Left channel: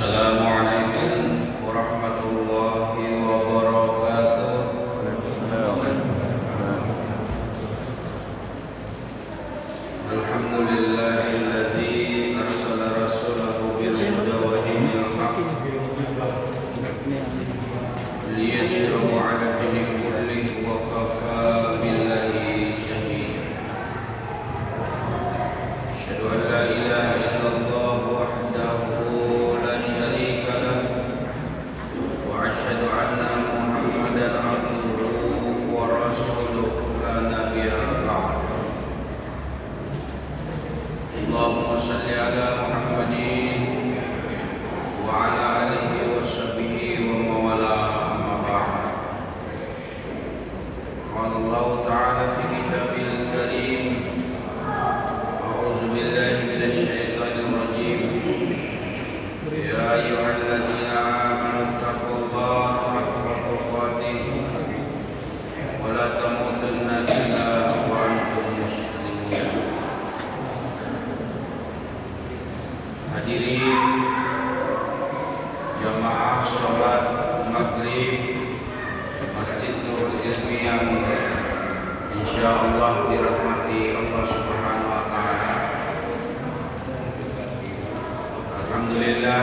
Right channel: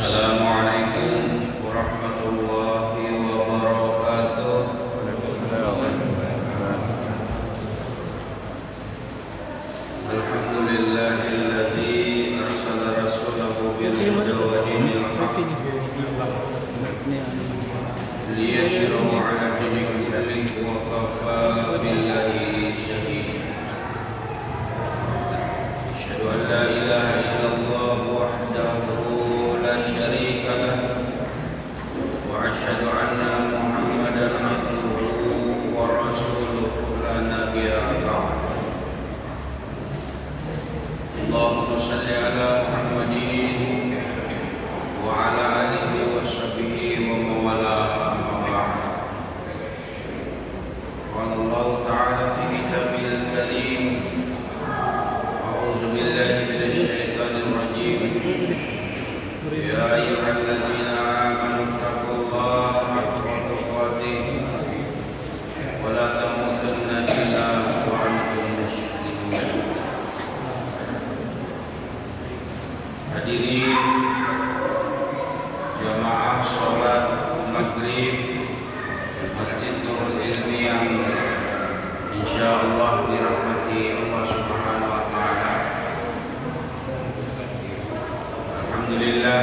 Assalamualaikum warahmatullahi wabarakatuh. Alhamdulillahilladzi arsala rasulahu bil huda wa dinil haqq liyashra'a 'ala dini kullihi wa kafa billahi shahida. Asyhadu an la ilaha illallah wahdahu la syarika lahu wa asyhadu anna Muhammadan 'abduhu wa rasuluhu la nabiyya ba'd. Allahumma shalli ala Muhammadin wa ala alihi wa sahbihi wa mawala amma ba'd. Qala Allah ta'ala fi kitabil karim, a'udzu billahi minasy syaithanir rajim. Ya ayyuhalladzina amanu taqullaha haqqa tuqatih wa la tamutunna illa wa antum muslimun. Hadirin jamaah salat maghrib Masjid Nurul Ilmi yang insyaallah dirahmati Allah Subhanahu wa taala. Alhamdulillah,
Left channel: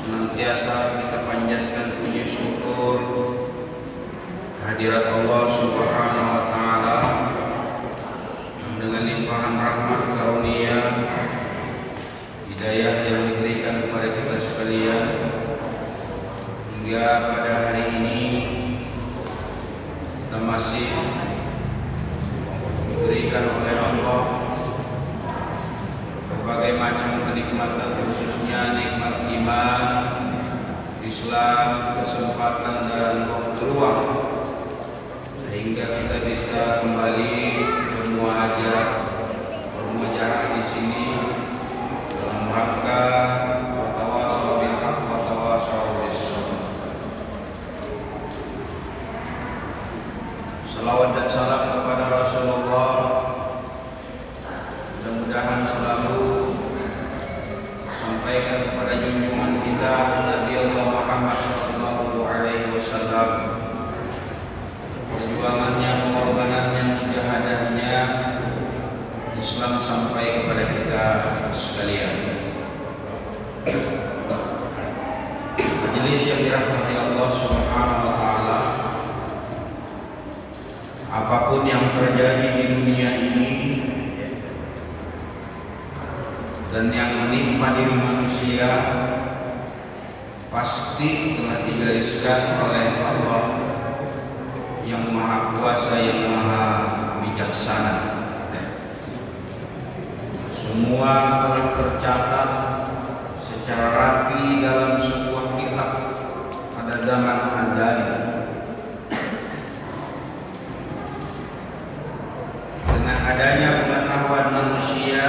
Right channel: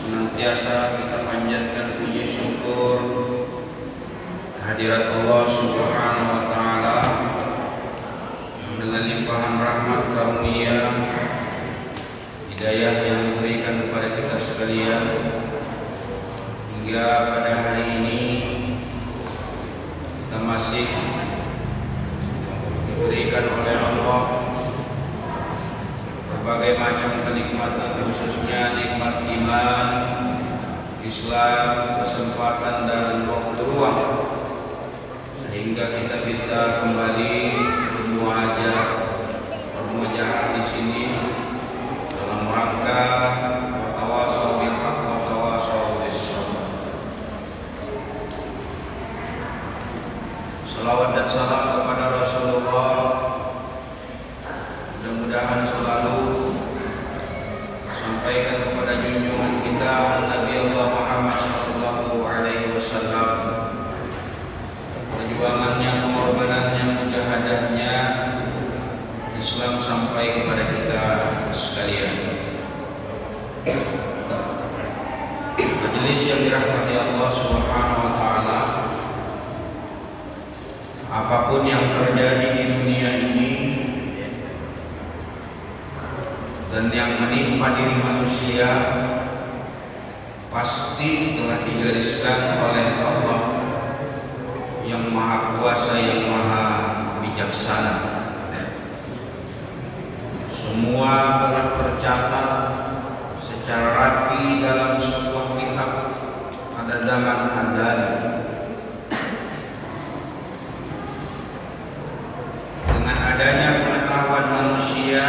senantiasa kita panjatkan puji syukur hadirat Allah Subhanahu wa taala yang dengan limpahan rahmat karunia hidayah yang diberikan kepada kita sekalian hingga pada hari ini kita masih diberikan oleh Allah berbagai macam kenikmatan, khususnya nikmat iman, Islam, kesempatan dan waktu luang, sehingga kita bisa kembali bermuajah di sini dalam rangka watawasau bil haq watawasau bis sabr. Salawat dan salam kepada Rasulullah, mudah-mudahan selalu sampaikan kepada junjungan kita Nabi Allah Muhammad sallallahu alaihi wasallam, perjuangannya, pengorbanannya, mujahadahnya Islam sampai kepada kita sekalian. Majelis yang dirahmati Allah Subhanahu wa taala, apapun yang terjadi di dunia ini dan yang menimpa diri manusia pasti telah digariskan oleh Allah yang Maha Kuasa, yang Maha Bijaksana. Semua telah tercatat secara rapi dalam sebuah kitab pada zaman azali. Dengan adanya pengetahuan manusia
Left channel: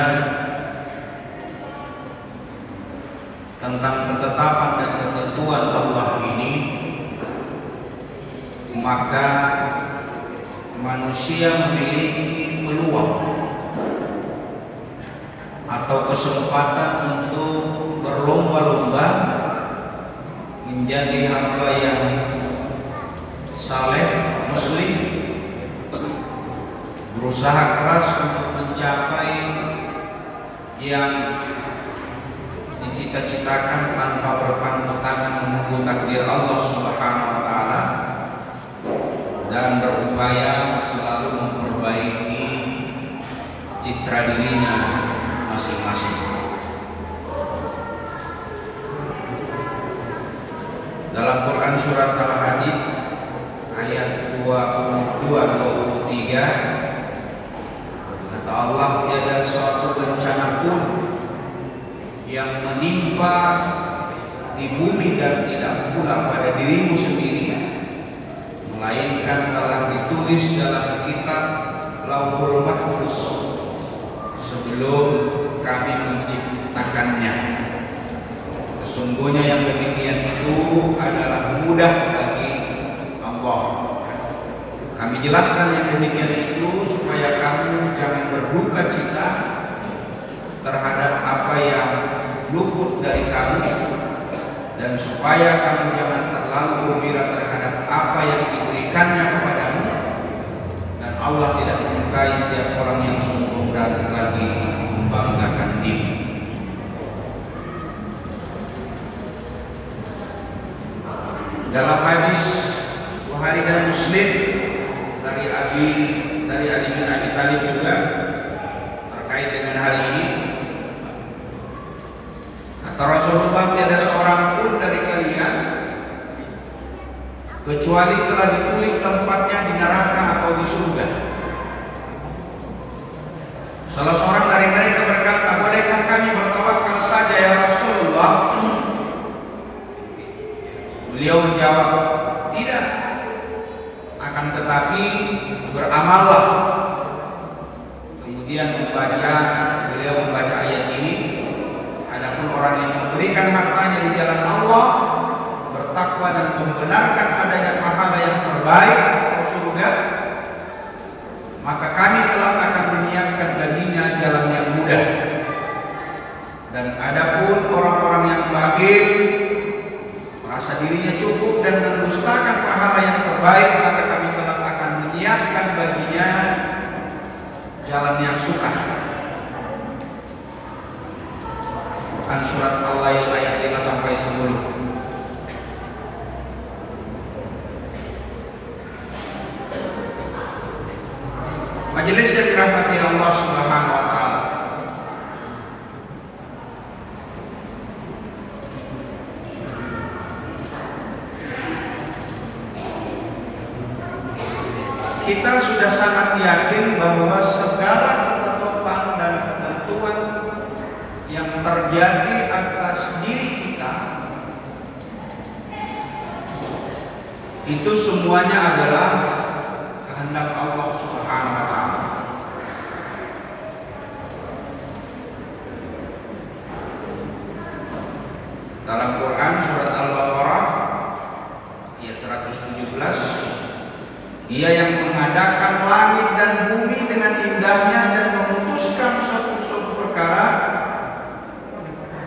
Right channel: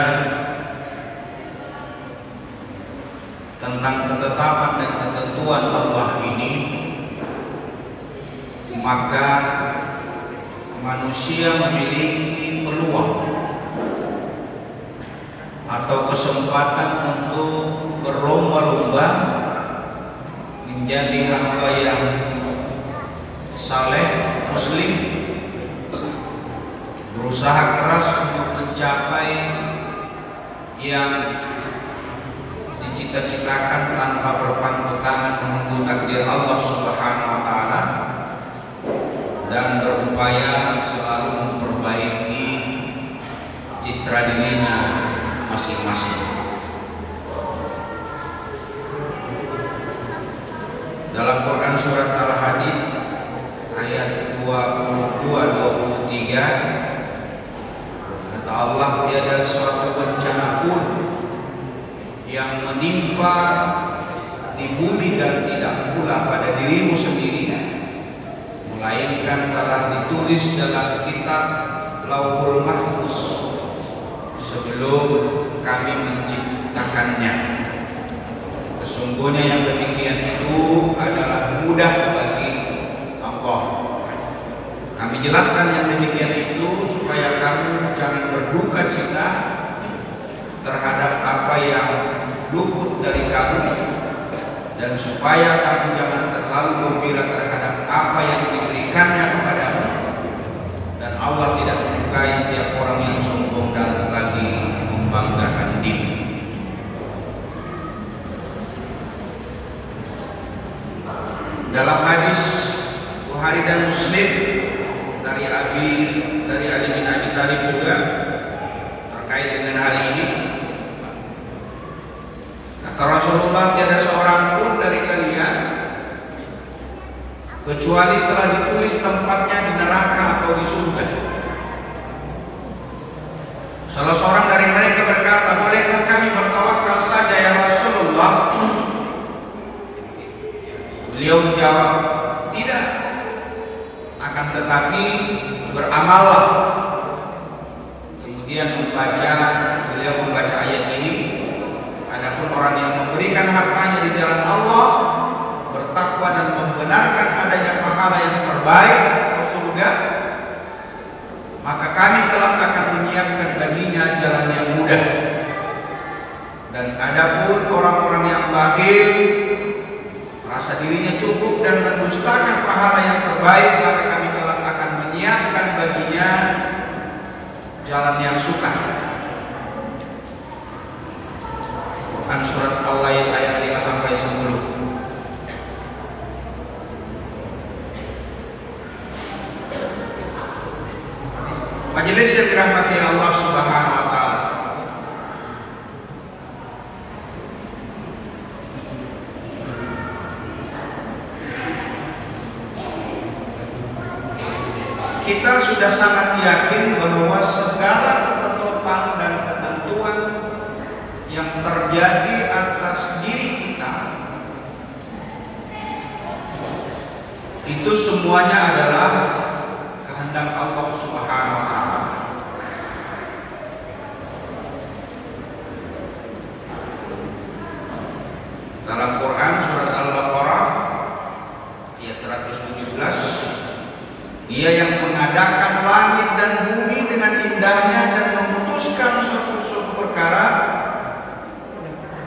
tentang ketetapan dan ketentuan Allah ini, maka manusia memiliki peluang atau kesempatan untuk berlomba-lomba menjadi hamba yang saleh, muslim, berusaha keras untuk mencapai yang dicita-citakan tanpa berpangku tangan, menunggu takdir Allah Subhanahu wa taala, dan berupaya selalu memperbaiki citra dirinya masing-masing. Dalam Quran surat Al-Hadid ayat 22-23 kata Allah, tiada suatu bencana pun yang menimpa di bumi dan tidak pula pada dirimu sendiri, melainkan telah ditulis dalam kitab Lauhul Mahfuz sebelum kami menciptakannya. Sesungguhnya yang demikian itu adalah mudah bagi Allah. Kami jelaskan yang demikian itu supaya kamu jangan berduka cita terhadap apa yang luput dari kamu, dan supaya kamu jangan terlalu gembira terhadap apa yang diberikannya kepadamu, dan Allah tidak menyukai setiap orang yang sombong dan lagi membanggakan diri. Dalam hadis Bukhari dan Muslim dari Ali bin Abi Thalib juga terkait dengan hal ini, kata Rasulullah, tiada seorang pun dari kalian kecuali telah ditulis tempatnya di neraka atau di surga. Salah seorang dari mereka berkata, bolehkah kami bertawakal saja ya Rasulullah? Beliau menjawab, tidak, akan tetapi beramallah. Kemudian beliau membaca ayat ini, adapun orang yang memberikan hartanya di jalan Allah, bertakwa dan membenarkan adanya pahala yang terbaik atau surga, maka kami telah akan menyiapkan baginya jalan yang mudah. Dan adapun orang-orang yang bakhil, merasa dirinya cukup dan mendustakan pahala yang terbaik, maka kami telah akan menyiapkan baginya jalan yang sukar. Quran surat Al-Lail ayat 5 sampai 10. Majelis yang dirahmati Allah Subhanahu wa taala. Kita sudah sangat yakin bahwa segala ketetapan dan ketentuan yang terjadi atas diri kita itu semuanya adalah kehendak Allah Subhanahu wa taala. Dalam Quran surat Al-Baqarah ayat 117, Dia yang mengadakan langit dan bumi dengan indahnya dan memutuskan suatu perkara,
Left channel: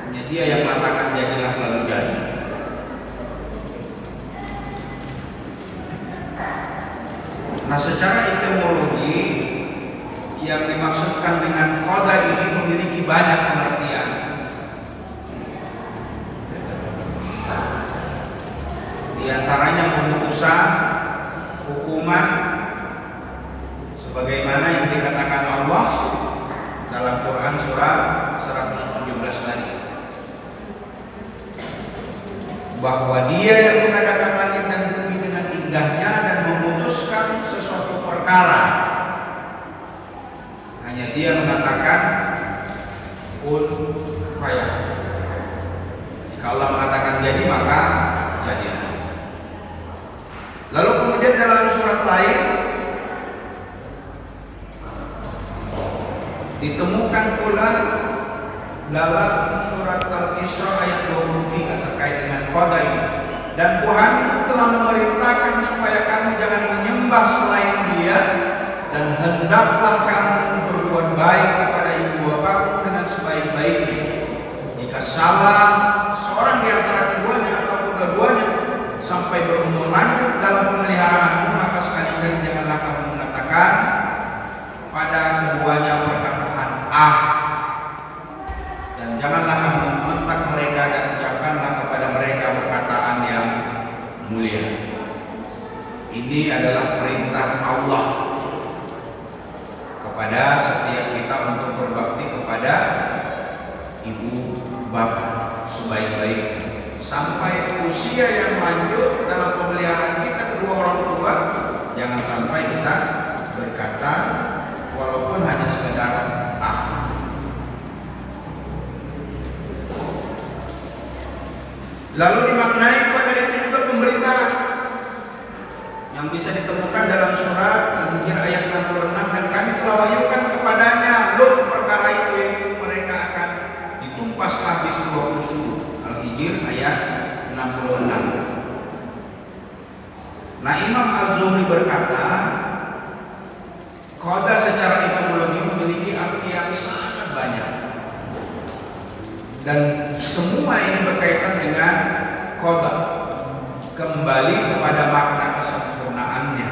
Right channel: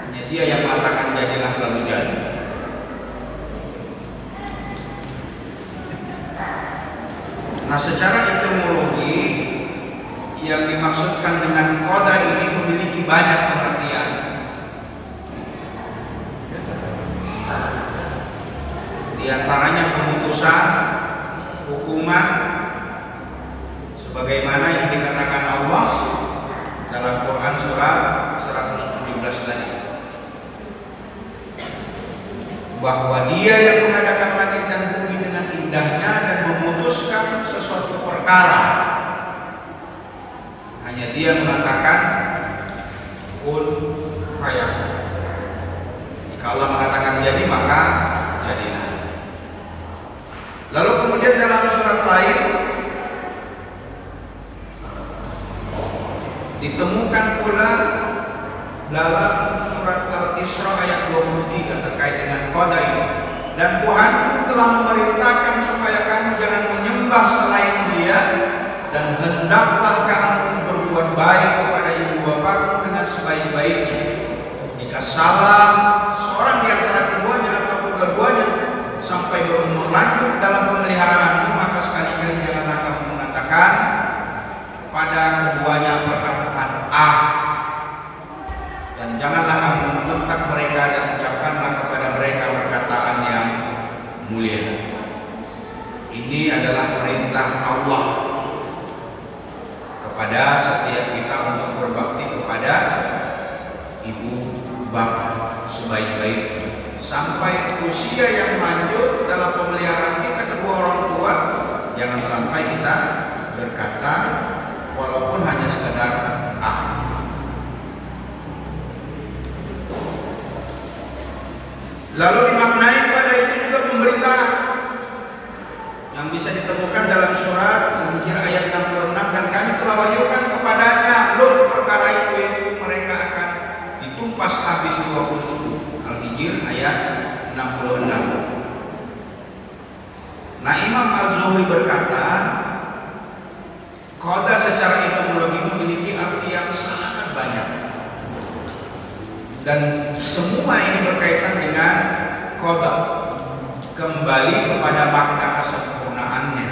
hanya Dia yang mengatakan jadilah lalu jadi. Nah, secara etimologi yang dimaksudkan dengan qada ini memiliki banyak pengertian. Di antaranya pemutusan, hukuman, sebagaimana yang dikatakan Allah dalam Quran surat 117 tadi, bahwa Dia yang mengadakan langit dan bumi dengan indahnya dan memutuskan sesuatu perkara, hanya Dia mengatakan kun fayakun. Jika Allah mengatakan jadi, maka jadilah. Lalu kemudian dalam surat lain ditemukan pula dalam surat Al-Isra ayat 23 terkait dengan qada ini. Dan Tuhan telah memerintahkan supaya kamu jangan menyembah selain Dia, dan hendaklah kamu berbuat baik kepada ibu bapakmu dengan sebaik-baiknya. Jika salah seorang di antara keduanya atau kedua-duanya sampai berumur lanjut dalam pemeliharaanmu, maka sekali-kali janganlah kamu mengatakan pada keduanya perkataan dan janganlah kamu membentak mereka, dan ucapkanlah kepada mereka perkataan yang mulia. Ini adalah perintah Allah kepada setiap kita untuk berbakti kepada ibu bapak sebaik-baiknya. Sampai usia yang lanjut dalam pemeliharaan kita kedua orang tua, jangan sampai kita berkata walaupun hanya sekedar Lalu dimaknai pada itu juga pemberitaan yang bisa ditemukan dalam surat Al-Hijr ayat 66, dan kami telah wahyukan kepadanya perkara itu mereka akan ditumpas habis 20 suku. Al-Hijr ayat 66. Nah, Imam Al-Zuhri berkata, qada secara etimologi memiliki arti yang sangat banyak. Dan semua ini berkaitan dengan qada, kembali kepada makna kesempurnaannya.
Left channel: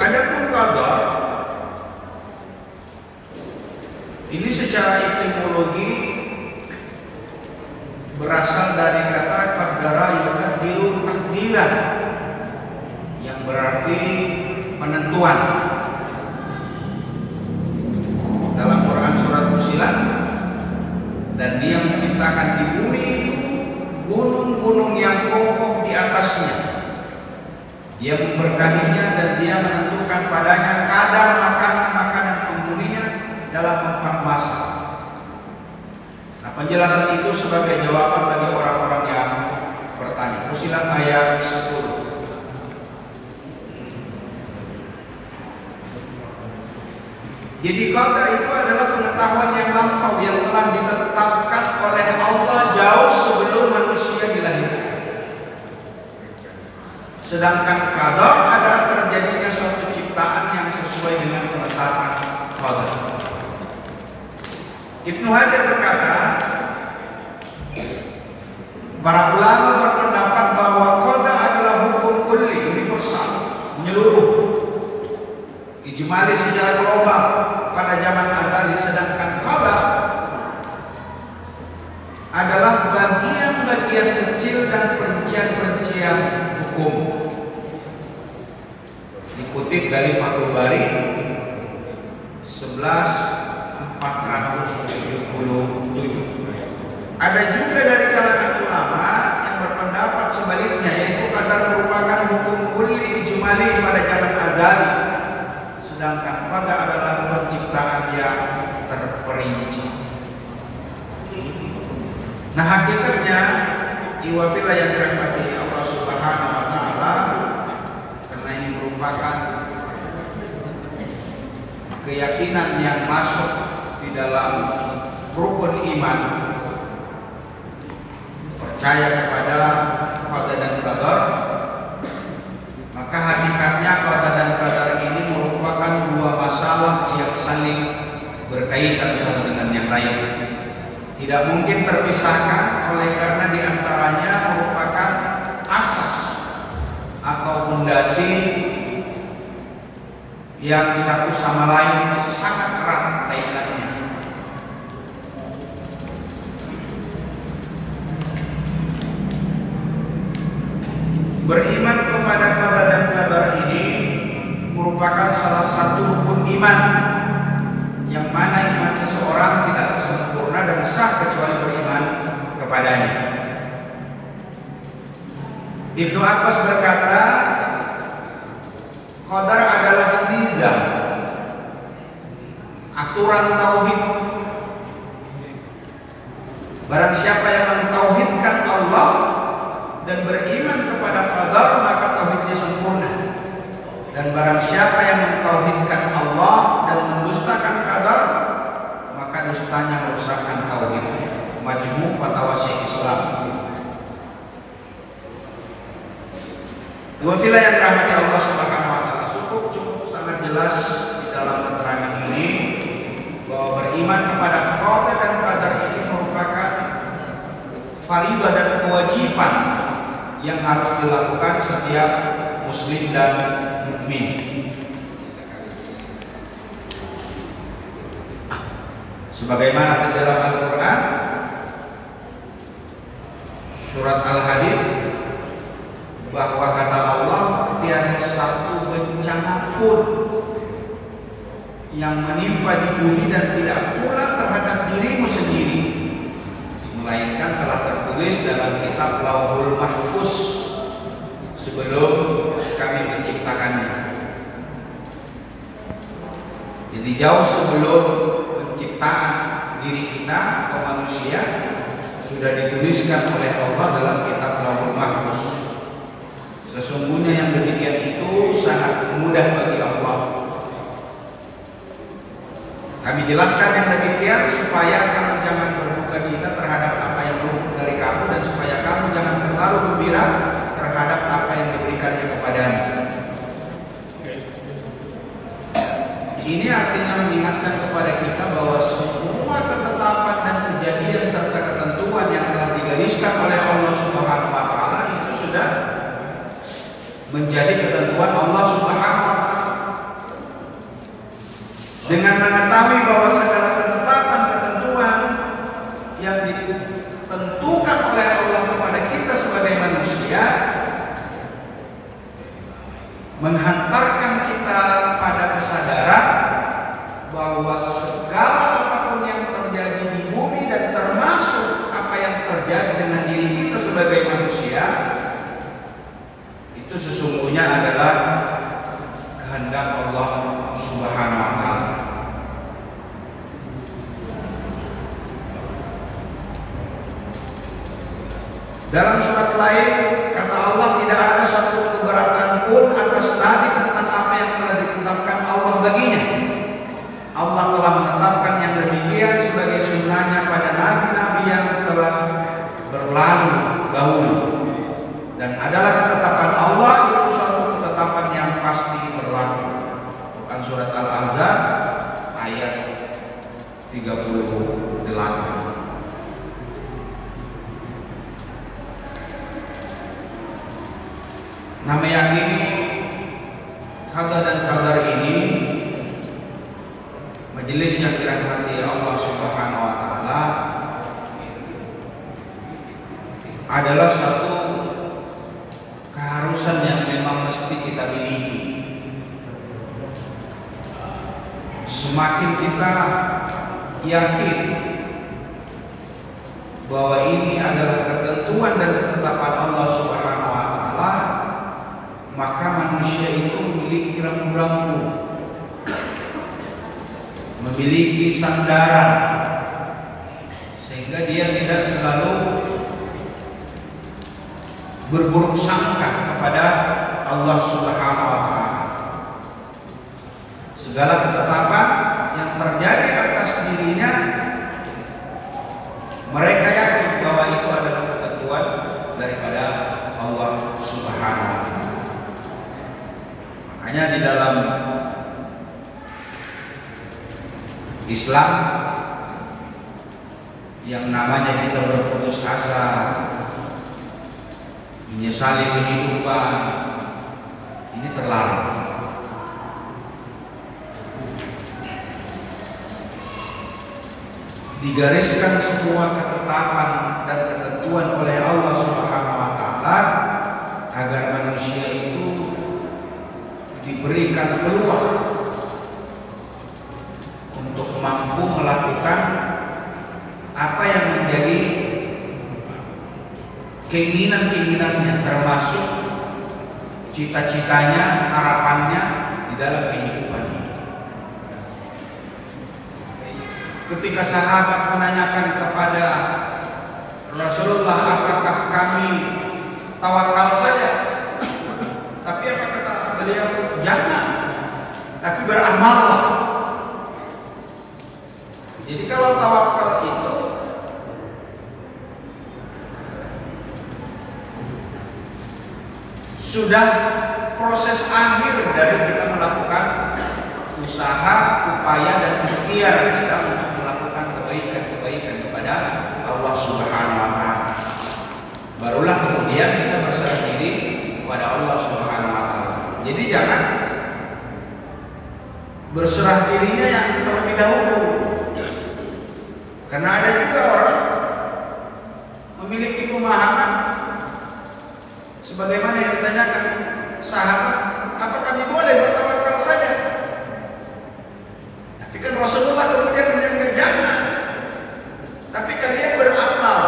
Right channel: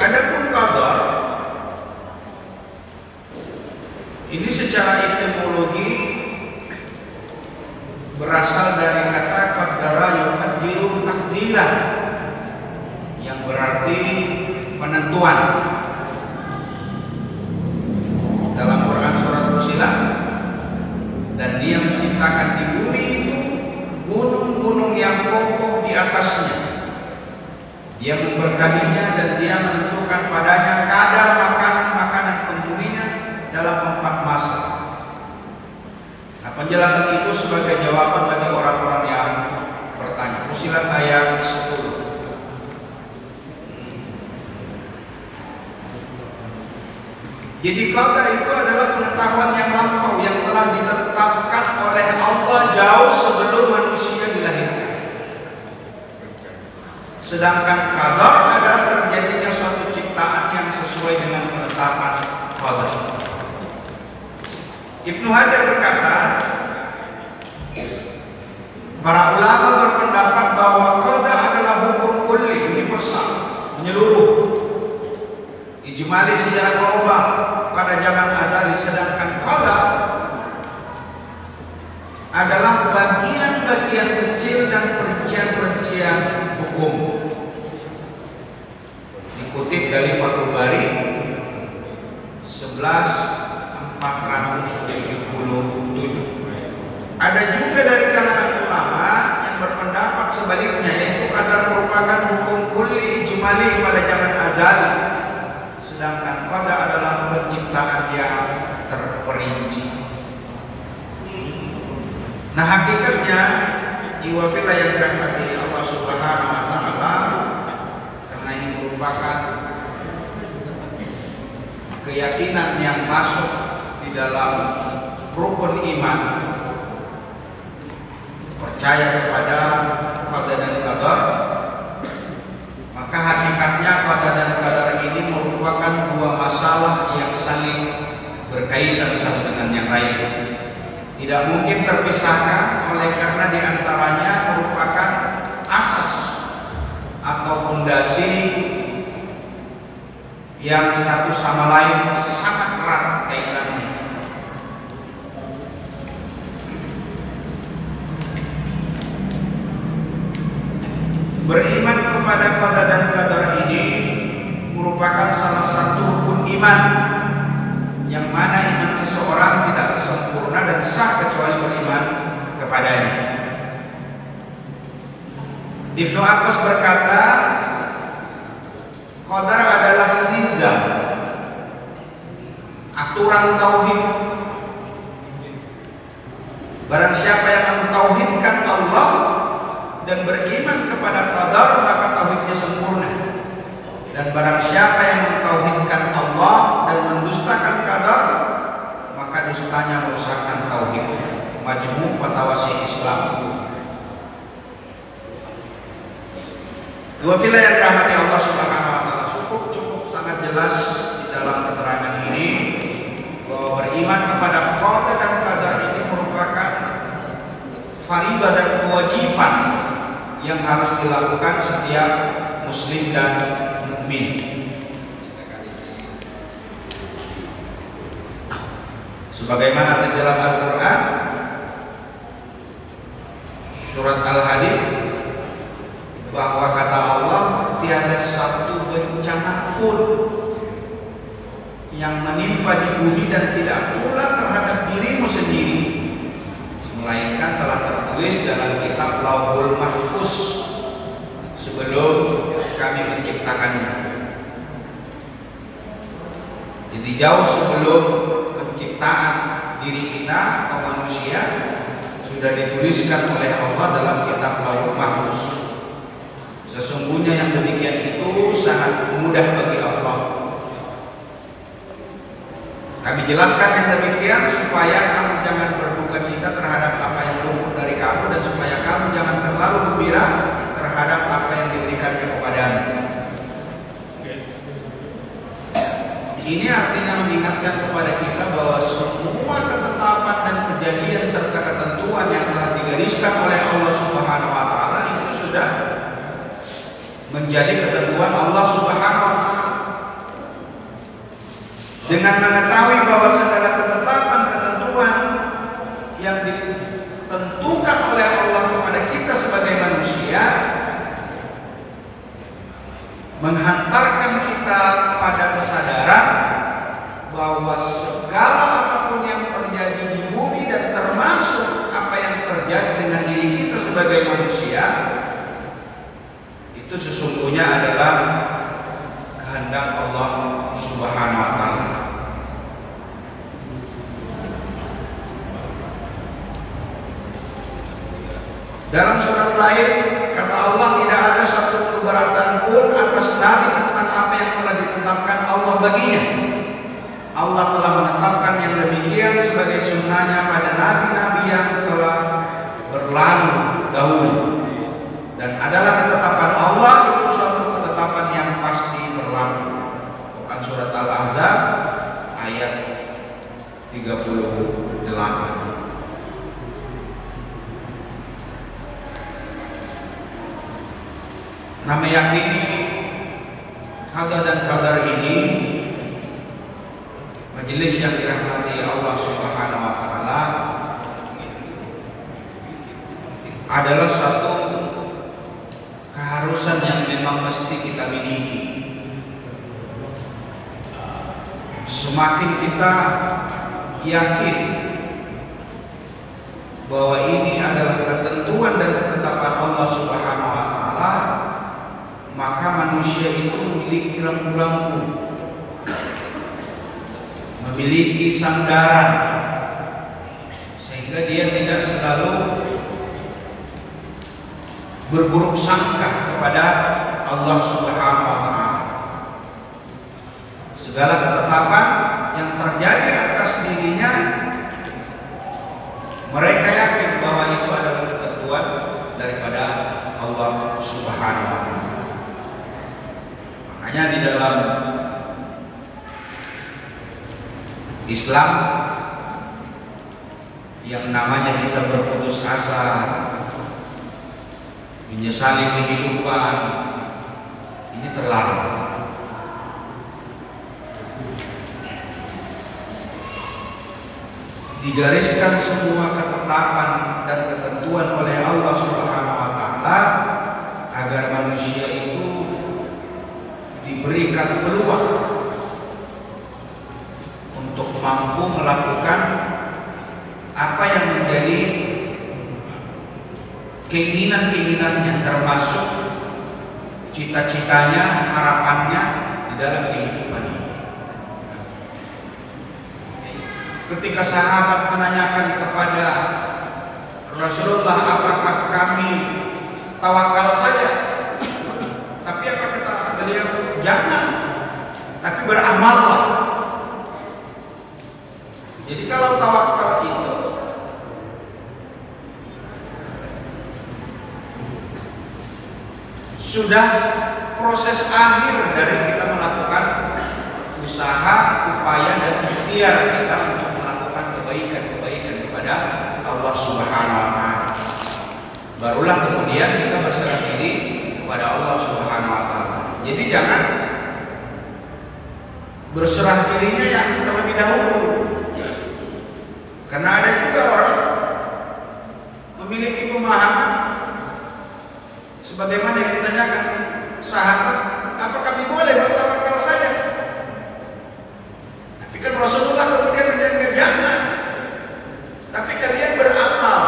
Adapun qadar ini secara etimologi berasal dari kata qaddara yuqaddiru takdiran, yang berarti penentuan. Dalam Quran surat Fussilat, dan Dia menciptakan di bumi itu gunung-gunung yang kokoh di atasnya. Dia memberkahinya dan Dia menentukan padanya kadar makanan-makanan penghuninya dalam 4 masa. Nah, penjelasan itu sebagai jawaban bagi orang-orang yang bertanya. Fussilat ayat 10. Jadi qada itu adalah pengetahuan yang lampau yang telah ditetapkan oleh Allah jauh sebelum manusia dilahirkan. Sedangkan qadar adalah terjadinya suatu ciptaan yang sesuai dengan penetapan qadar. Ibnu Hajar berkata, para ulama berpendapat bahwa qada adalah hukum kulli, universal, menyeluruh, ijmali secara global pada zaman azali. Sedangkan qada adalah bagian-bagian kecil dan perincian-perincian hukum. Dikutip dari Fathul Bari 11.477. Ada juga dari kalangan ulama yang berpendapat sebaliknya, yaitu qadar merupakan hukum kulli ijmali pada zaman azali, sedangkan qada adalah penciptaan yang terperinci. Nah, hakikatnya iwafillah yang dirahmati Allah Subhanahu wa taala, karena ini merupakan keyakinan yang masuk di dalam rukun iman, percaya kepada qada dan qadar. Maka hakikatnya qada dan qadar ini merupakan 2 masalah yang saling berkaitan satu dengan yang lain, tidak mungkin terpisahkan, oleh karena diantaranya merupakan asas atau fondasi yang satu sama lain sangat erat kaitannya. Beriman kepada qada dan qadar ini merupakan salah satu rukun iman, yang mana iman seseorang tidak sempurna dan sah kecuali beriman kepadanya. Ibnu Abbas berkata, qadar adalah nizam, aturan tauhid. Barang siapa yang mentauhidkan Allah dan beriman kepada qadar, maka tauhidnya sempurna. Dan barang siapa yang mentauhidkan Allah dan mendustakan qadar, maka dustanya merusakkan tauhid. Majmu' Fatawa Syekh Islam. Dua filah yang dirahmati Allah Subhanahu wa taala, cukup sangat jelas dalam keterangan ini bahwa beriman kepada qada dan qadar ini merupakan faridah dan kewajiban yang harus dilakukan setiap muslim dan mukmin. Sebagaimana di dalam Al-Quran surat Al-Hadid, bahwa kata Allah, tiada satu bencana pun yang menimpa di bumi dan tidak pula terhadap dirimu sendiri, melainkan telah tertulis dalam kitab Lauhul Mahfuz sebelum kami menciptakannya. Jadi jauh sebelum penciptaan diri kita atau manusia sudah dituliskan oleh Allah dalam kitab Lauhul Mahfuz. Sesungguhnya yang demikian itu sangat mudah bagi Allah. Kami jelaskan yang demikian supaya kamu jangan berduka cita terhadap apa yang luput dari kamu, dan supaya kamu jangan terlalu gembira terhadap apa yang diberikannya kepadamu. Ini artinya mengingatkan kepada kita bahwa semua ketetapan dan kejadian serta ketentuan yang telah digariskan oleh Allah Subhanahu wa taala itu sudah menjadi ketentuan Allah Subhanahu wa taala. Dengan mengetahui bahwa segala ketetapan ketentuan yang ditentukan oleh Allah kepada kita sebagai manusia menghantarkan kita pada kesadaran bahwa segala apapun yang terjadi di bumi dan termasuk apa yang terjadi dengan diri kita sebagai manusia itu sesungguhnya adalah kehendak Allah Subhanahu wa taala. Dalam surat lain kata Allah, tidak ada satu keberatan pun atas nabi tentang apa yang telah ditetapkan Allah baginya. Allah telah menetapkan yang demikian sebagai sunnahnya pada nabi-nabi yang telah berlalu dahulu. Dan adalah ketetapan Allah itu suatu ketetapan yang pasti berlaku. Bukan surat Al-Ahzab ayat 38. Nah, meyakini qada dan qadar ini, majelis yang dirahmati Allah Subhanahu wa taala, adalah satu keharusan yang memang mesti kita miliki. Semakin kita yakin bahwa ini adalah ketentuan dan ketetapan Allah Subhanahu wa taala, maka manusia itu memiliki rambu-rambu, memiliki sandaran, sehingga dia tidak selalu berburuk sangka kepada Allah Subhanahu wa taala. Segala ketetapan yang terjadi atas dirinya, mereka yakin bahwa itu adalah ketentuan daripada Allah Subhanahu wa taala. Makanya di dalam Islam yang namanya kita berputus asa, menyesali kehidupan, ini terlarang. Digariskan semua ketetapan dan ketentuan oleh Allah Subhanahu wa taala agar manusia itu diberikan peluang untuk mampu melakukan apa yang menjadi keinginan-keinginannya, termasuk cita-citanya, harapannya di dalam kehidupan ini. Ketika sahabat menanyakan kepada Rasulullah, apakah kami tawakal saja? Tapi apa kata beliau? Jangan, tapi beramallah. Jadi kalau tawakal itu sudah proses akhir dari kita melakukan usaha, upaya dan ikhtiar kita untuk melakukan kebaikan-kebaikan kepada Allah Subhanahu wa taala. Barulah kemudian kita berserah diri kepada Allah Subhanahu wa taala. Jadi jangan berserah dirinya yang terlebih dahulu. Karena ada juga orang memiliki pemahaman sebagaimana yang ditanyakan sahabat, apa kami boleh bertawakal saja? Tapi kan Rasulullah kemudian menjaga jangan. Tapi kalian beramal.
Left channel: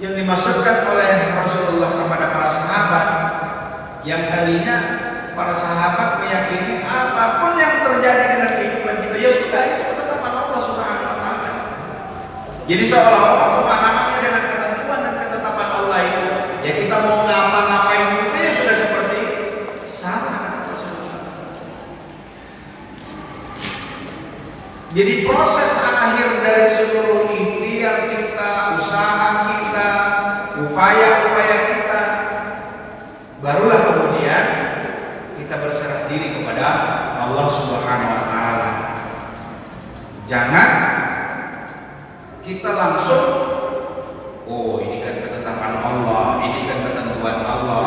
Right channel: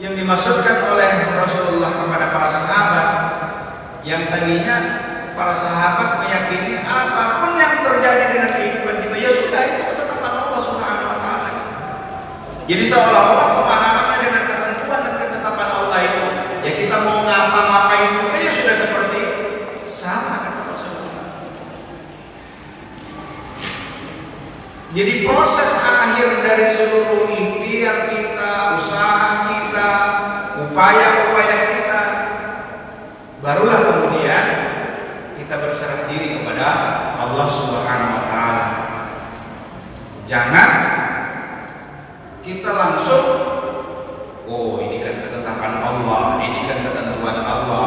Yang dimaksudkan oleh Rasulullah kepada para sahabat, yang tadinya para sahabat meyakini apapun yang terjadi dengan kehidupan kita, ya sudah, itu ketetapan Allah Subhanahu wa taala. Jadi seolah-olah pemahamannya dengan ketentuan dan ketetapan Allah itu, ya kita mau ngapa-ngapain itu ya sudah seperti sama kata Rasulullah. Jadi proses akhir dari seluruh ikhtiar kita, usaha kita, upaya-upaya kita, barulah kemudian kita berserah diri kepada Allah Subhanahu wa taala. Jangan kita langsung, oh ini kan ketetapan Allah, ini kan ketentuan Allah,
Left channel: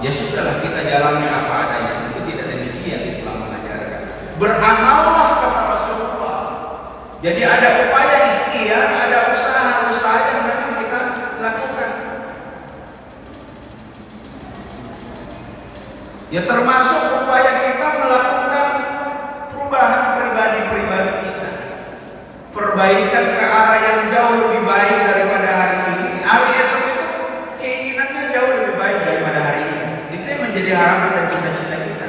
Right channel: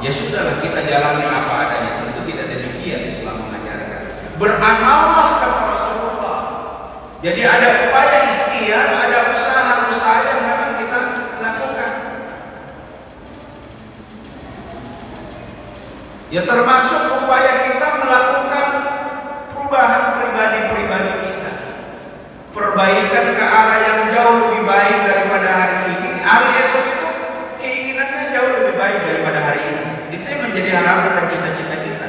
ya sudahlah kita jalani apa adanya. Tentu tidak demikian Islam mengajarkan. Beramallah kata Rasulullah. Jadi ada upaya ikhtiar, ada usaha-usaha yang memang kita lakukan. Ya termasuk upaya kita melakukan perubahan pribadi-pribadi kita, perbaikan ke arah yang jauh lebih baik daripada hari ini. Hari esok itu keinginannya jauh lebih baik daripada hari ini. Itu yang menjadi harapan dan cita-cita kita.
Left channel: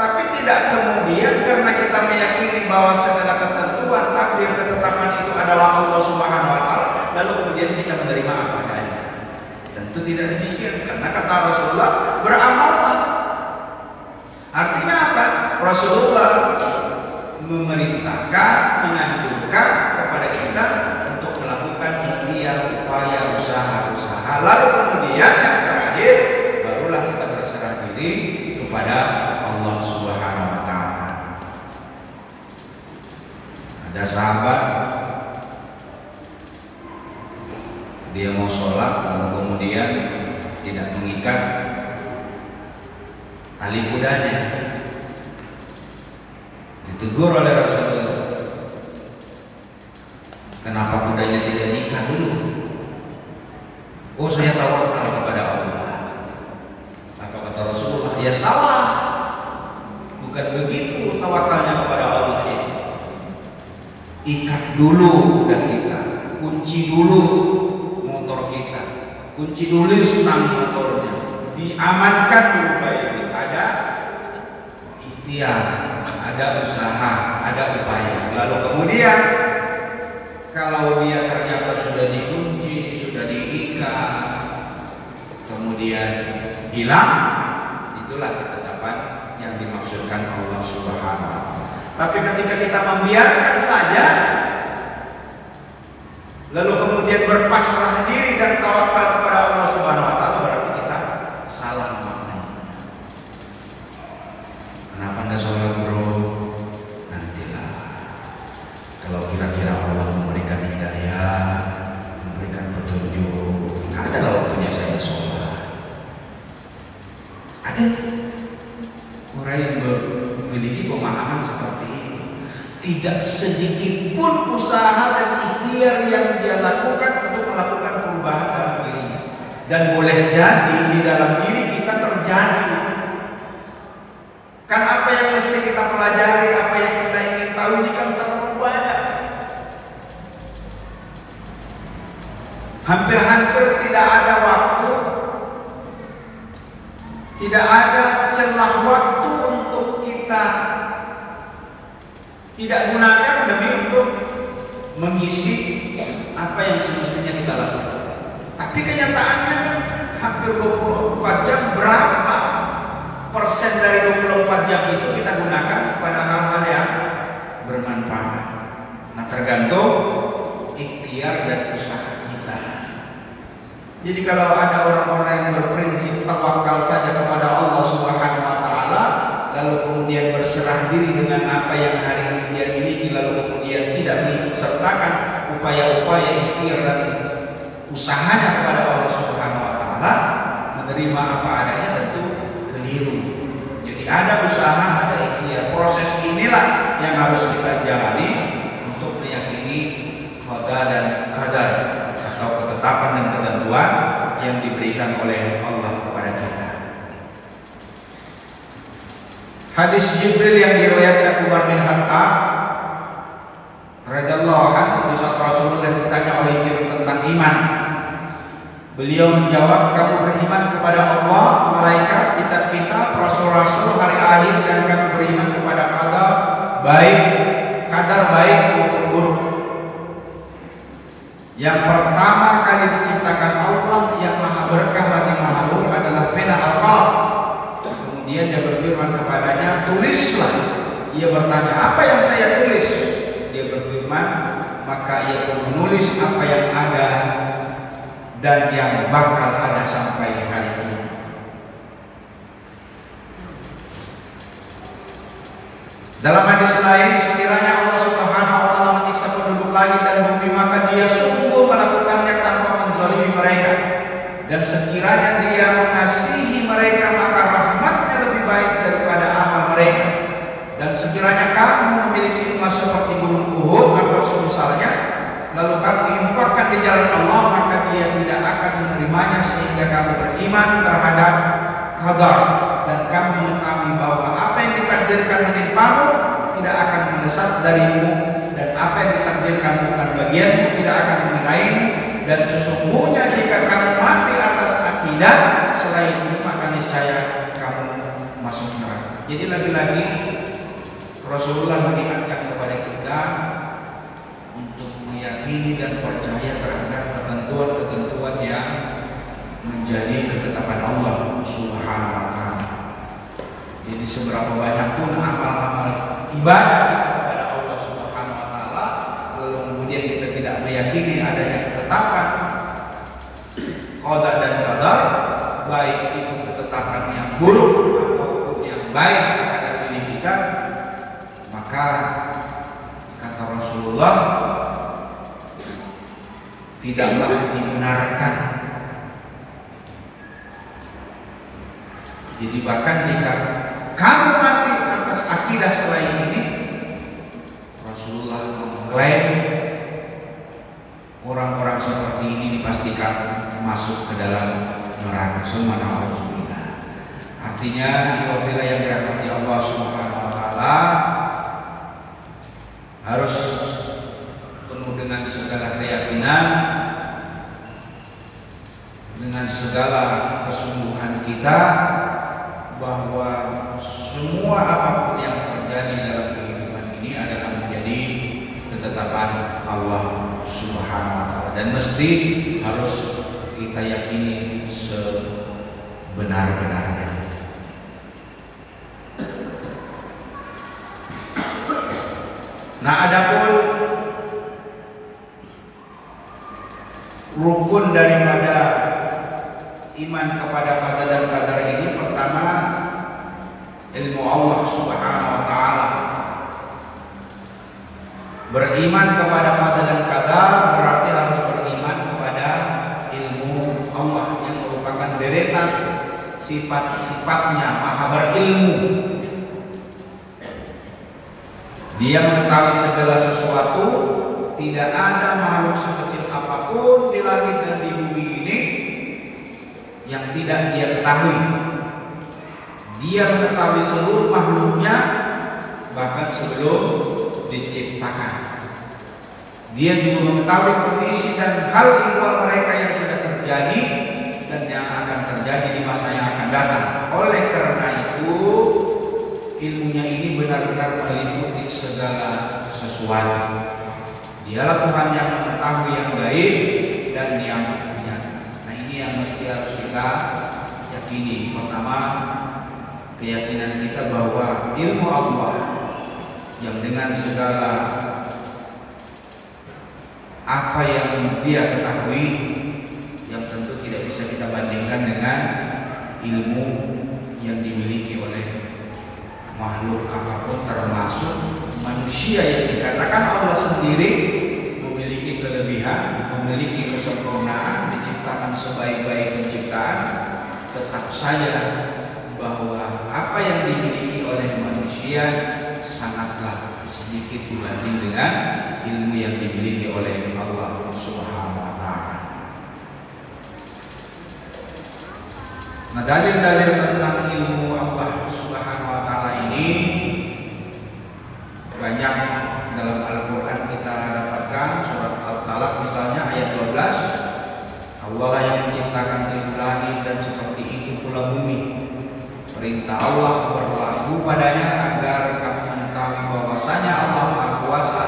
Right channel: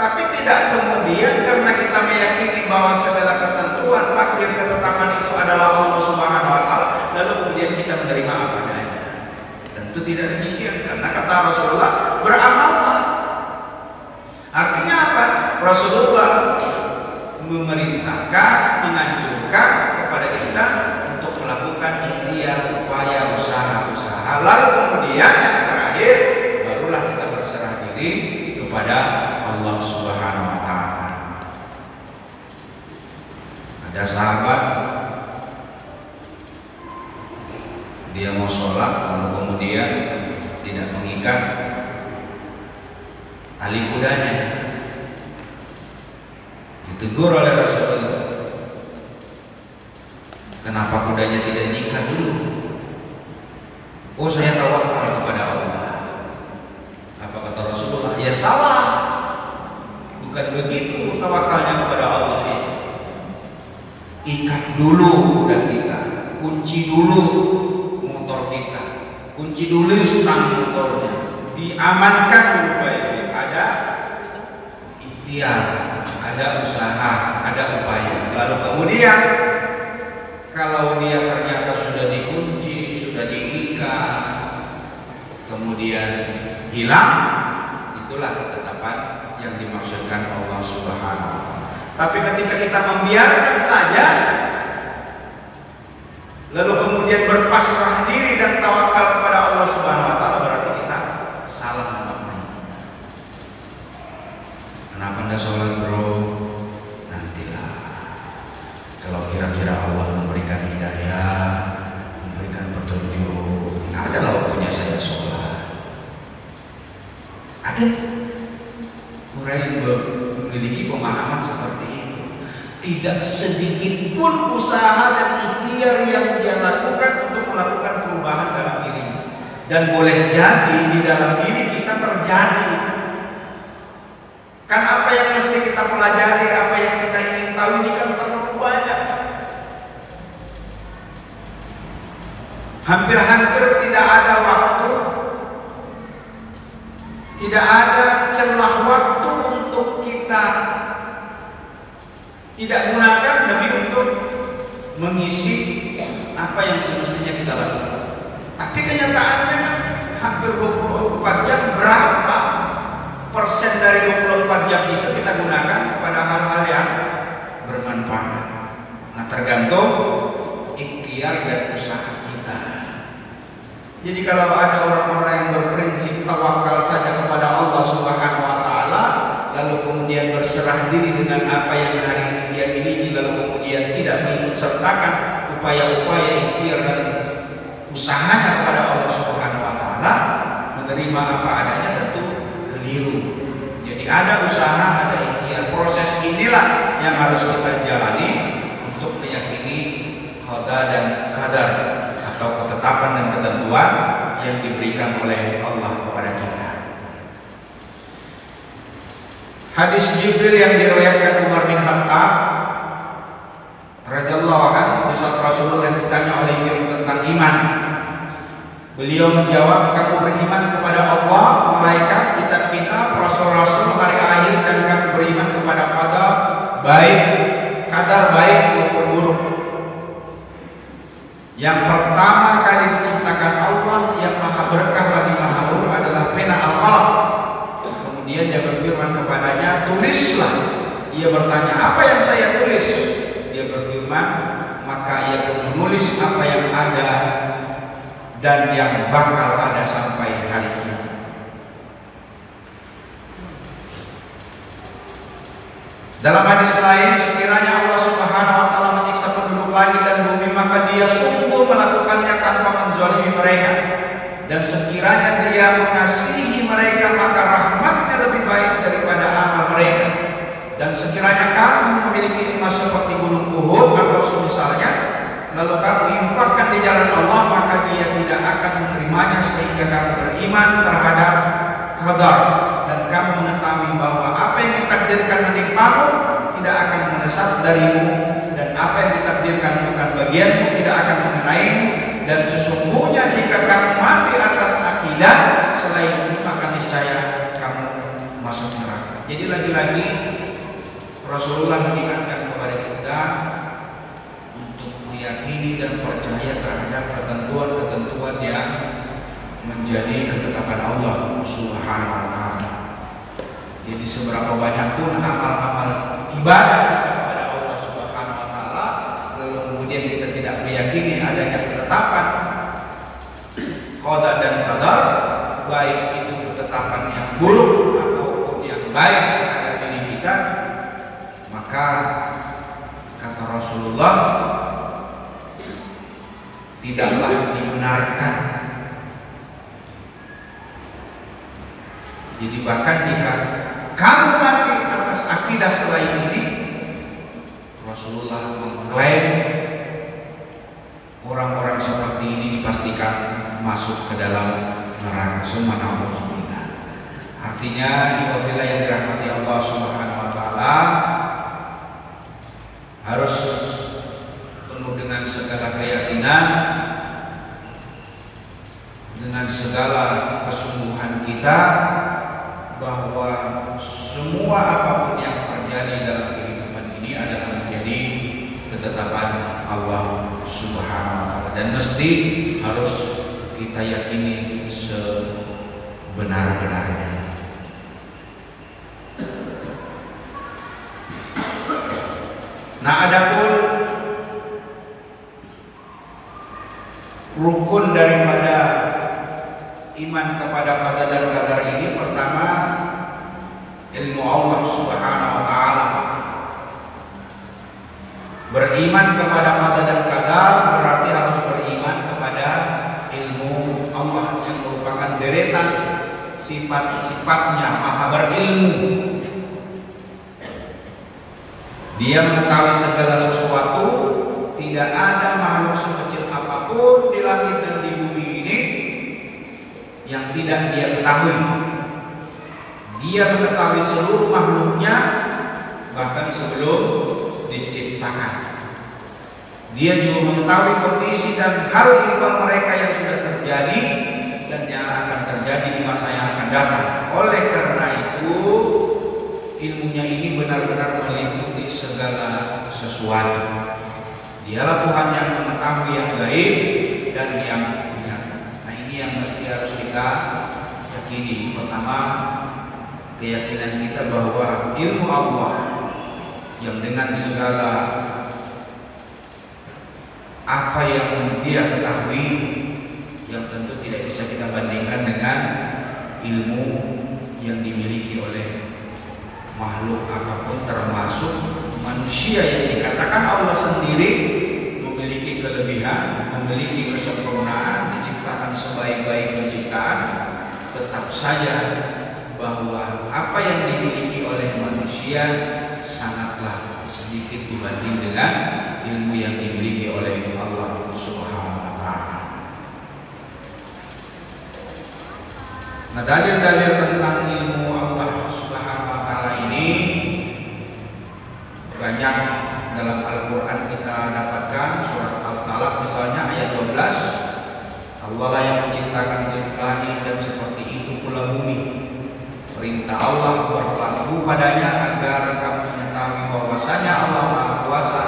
Tapi tidak kemudian karena kita meyakini bahwa segala ketentuan, takdir, ketetapan itu adalah Allah Subhanahu wa taala, lalu kemudian kita menerima apa adanya. Tentu tidak demikian, karena kata Rasulullah, beramallah. Artinya apa? Rasulullah memerintahkan, menganjurkan kepada kita untuk melakukan ikhtiar, upaya, usaha-usaha. Lalu kemudian yang terakhir, barulah kita berserah diri kepada Allah Subhanahu wa taala. Ada sahabat, dia mau sholat, lalu kemudian tidak mengikat tali kudanya. Ditegur oleh Rasulullah, kenapa kudanya tidak nikah dulu? Oh, saya tawakal kepada Allah. Apa kata Rasulullah? Ya salah, bukan begitu tawakalnya kepada Allah itu. Ikat dulu kuda kita, kunci dulu motor kita, kunci dulu stang motornya, diamankan dulu baik-baik. Ada ikhtiar, ada usaha, ada upaya. Lalu kemudian kalau dia ternyata sudah dikunci, sudah diikat, kemudian hilang, itulah ketetapan yang dimaksudkan Allah Subhanahu wa taala. Tapi ketika kita membiarkan saja, lalu kemudian berpasrah diri dan tawakal kepada Allah Subhanahu wa taala, berarti kita salah makna. Kenapa Anda sholat bro? Nantilah. Kalau kira-kira Allah memberikan hidayah, memberikan petunjuk, ada waktunya saya sholat. Ada orang yang memiliki pemahaman seperti itu. Tidak sedikit pun usaha dan ikhtiar yang dia lakukan untuk melakukan perubahan dalam dirinya. Dan boleh jadi di dalam diri kita terjadi. Kan apa yang mesti kita pelajari, apa yang kita ingin tahu ini kan terlalu banyak. Hampir-hampir tidak ada waktu, tidak ada celah waktu untuk kita tidak gunakan demi untuk mengisi apa yang semestinya kita lakukan. Tapi kenyataannya kan hampir 24 jam, berapa persen dari 24 jam itu kita gunakan kepada hal-hal yang bermanfaat. Nah, tergantung ikhtiar dan usaha kita. Jadi kalau ada orang-orang yang berprinsip tawakal saja kepada Allah Subhanahu wa taala, lalu kemudian berserah diri dengan apa yang hari ini dia miliki, lalu kemudian tidak mengikutsertakan upaya-upaya ikhtiar dan usahanya kepada Allah Subhanahu wa taala, menerima apa adanya, tentu keliru. Jadi ada usaha, ada ikhtiar. Proses inilah yang harus kita jalani untuk meyakini qada dan qadar, atau ketetapan dan ketentuan yang diberikan oleh Allah kepada kita. Hadis Jibril yang diriwayatkan Umar bin Khattab radhiyallahu anhu, di saat Rasulullah ditanya oleh Jibril tentang iman, beliau menjawab, kamu beriman kepada Allah, malaikat, kitab-kitab, rasul-rasul, hari akhir, dan kamu beriman kepada qadar baik, qadar baik maupun buruk. Yang pertama kali diciptakan Allah yang maha berkah lagi maha luhur adalah pena al-qalam. Kemudian dia berfirman kepadanya, tulislah. Ia bertanya, apa yang saya tulis? Dia berfirman, maka ia pun menulis apa yang ada dan yang bakal ada sampai hari kiamat. Dalam hadis lain, sekiranya Allah Subhanahu wa taala menyiksa penduduk langit dan bumi, maka Dia sungguh melakukannya tanpa menzalimi mereka. Dan sekiranya Dia mengasihi mereka, maka rahmat-Nya lebih baik daripada amal mereka. Dan sekiranya kamu memiliki emas seperti gunung Uhud atau semisalnya, lalu kamu infakkan di jalan Allah, maka Dia tidak akan menerimanya sehingga kamu beriman terhadap qadar dan kamu mengetahui bahwa apa yang ditakdirkan menimpamu tidak akan mendesak darimu, dan apa yang ditakdirkan bukan bagianmu tidak akan mengenaimu. Dan sesungguhnya jika kamu mati atas akidah selain ini, maka niscaya kamu masuk neraka. Jadi lagi-lagi Rasulullah mengingatkan kepada kita untuk meyakini dan percaya terhadap ketentuan-ketentuan yang menjadi ketetapan Allah Subhanahu wa taala. Jadi seberapa banyak pun amal-amal ibadah kita kepada Allah Subhanahu wa taala, lalu kemudian kita tidak meyakini adanya ketetapan qada dan qadar, baik itu ketetapan yang buruk ataupun yang baik terhadap diri kita, maka kata Rasulullah tidaklah dibenarkan. Jadi bahkan jika kamu mati atas akidah selain ini, Rasulullah mengklaim orang-orang seperti ini dipastikan masuk ke dalam neraka. Subhanallah. Artinya ibadah yang dirahmati Allah Subhanahu wa taala harus penuh dengan segala keyakinan, dengan segala kesungguhan kita bahwa semua apapun yang terjadi dalam kehidupan ini adalah menjadi ketetapan Allah Subhanahu wa taala, dan mesti harus kita yakini sebenar-benarnya. Nah, adapun rukun daripada iman kepada qada dan qadar ini, pertama ilmu Allah Subhanahu wa taala. Beriman kepada qada dan qadar berarti harus beriman kepada ilmu Allah yang merupakan deretan sifat-sifatnya maha berilmu. Dia mengetahui segala sesuatu, tidak ada makhluk sekecil apapun di langit dan di bumi ini yang tidak Dia ketahui. Dia mengetahui seluruh makhluknya bahkan sebelum diciptakan. Dia juga mengetahui kondisi dan hal ihwal mereka yang sudah terjadi dan yang akan terjadi di masa yang akan datang. Oleh karena itu, ilmunya ini benar-benar meliputi segala sesuatu. Dialah Tuhan yang mengetahui yang gaib dan yang nyata. Nah, ini yang mesti harus kita yakini. Pertama, keyakinan kita bahwa ilmu Allah yang dengan segala apa yang Dia ketahui, yang tentu tidak bisa kita bandingkan dengan ilmu yang dimiliki oleh makhluk apapun, termasuk manusia yang dikatakan Allah sendiri memiliki kelebihan, memiliki kesempurnaan, diciptakan sebaik-baik penciptaan. Tetap saja bahwa apa yang dimiliki oleh manusia sangatlah sedikit dibanding dengan ilmu yang dimiliki oleh Allah Subhanahu wa taala. Nah, dalil-dalil tentang ilmu Allah Subhanahu wa taala ini banyak dalam Al-Qur'an kita dapatkan. Surat Al-Talaq misalnya ayat 12, Allah lah yang menciptakan langit dan seperti itu pula bumi. Perintah Allah berlaku padanya agar kamu mengetahui bahwasanya Allah Maha Kuasa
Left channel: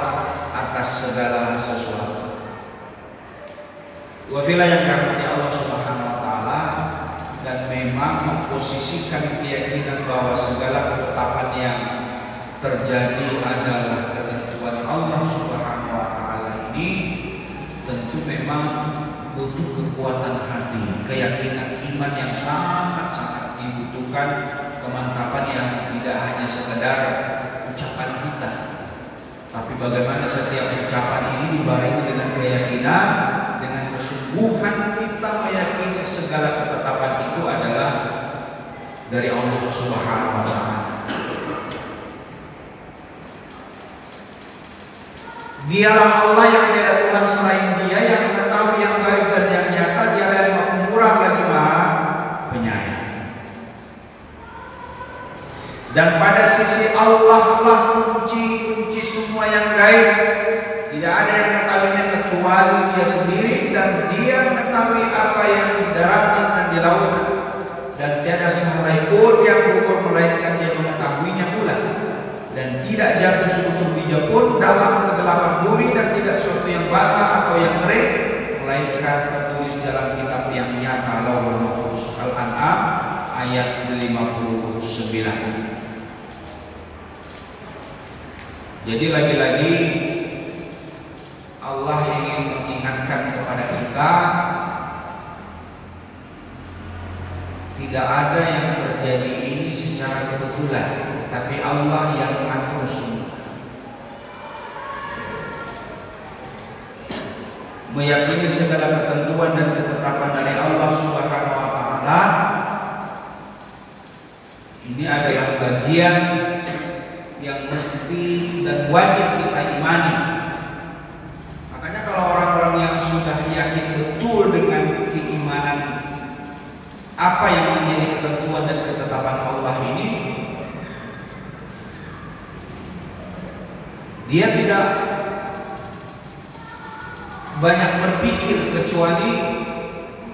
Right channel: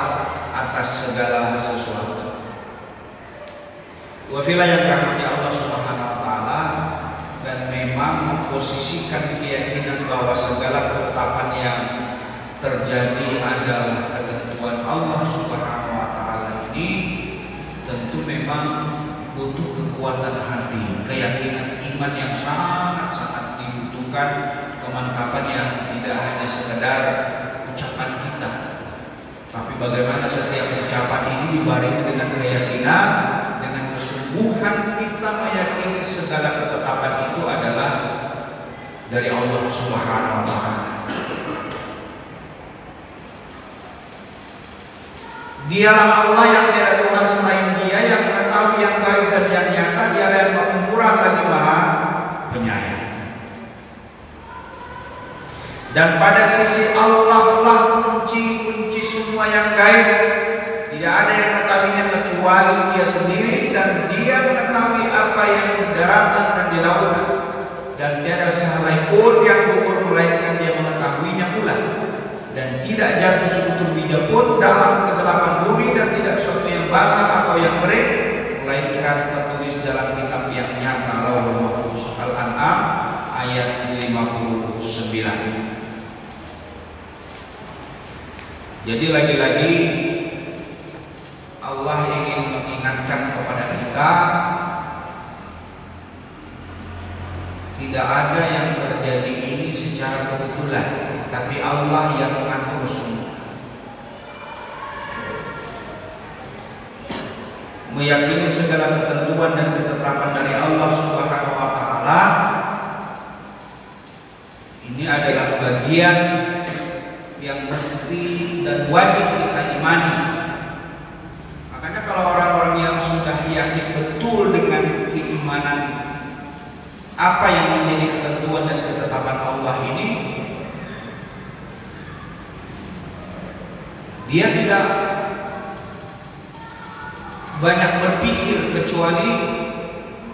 atas segala sesuatu. Wafilah yang dirahmati Allah Subhanahu wa taala, dan memang memposisikan keyakinan bahwa segala ketetapan yang terjadi adalah ketentuan Allah Subhanahu wa taala ini tentu memang butuh kekuatan hati, keyakinan iman yang sangat-sangat dibutuhkan, kemantapan yang tidak hanya sekedar ucapan Tapi bagaimana setiap ucapan ini dibarengi dengan keyakinan, dengan kesungguhan kita meyakini segala ketetapan itu adalah dari Allah Subhanahu wa Ta'ala. Dialah Allah yang tiada Tuhan selain Dia, yang mengetahui yang gaib dan yang nyata. Dialah yang Maha Pemurah lagi Maha Penyayang. Dan pada sisi Allah lah kunci semua yang gaib. Tidak ada yang mengetahuinya kecuali Dia sendiri, dan Dia mengetahui apa yang di daratan dan di lautan. Dan tiada sehelai pun yang gugur melainkan Dia mengetahuinya pula. Dan tidak jatuh sekutu biji pun dalam kegelapan bumi, dan tidak suatu yang basah atau yang kering melainkan tertulis dalam kitab yang nyata, Lauhul Mahfuz. Al-An'am ayat 59. Jadi lagi-lagi Allah ingin mengingatkan kepada kita, tidak ada yang terjadi ini secara kebetulan, tapi Allah yang mengatur semua. Meyakini segala ketentuan dan ketetapan dari Allah Subhanahu wa Ta'ala, ini adalah bagian yang mesti dan wajib kita imani. Makanya kalau orang-orang yang sudah yakin betul dengan keimanan apa yang menjadi ketentuan dan ketetapan Allah ini, dia tidak banyak berpikir kecuali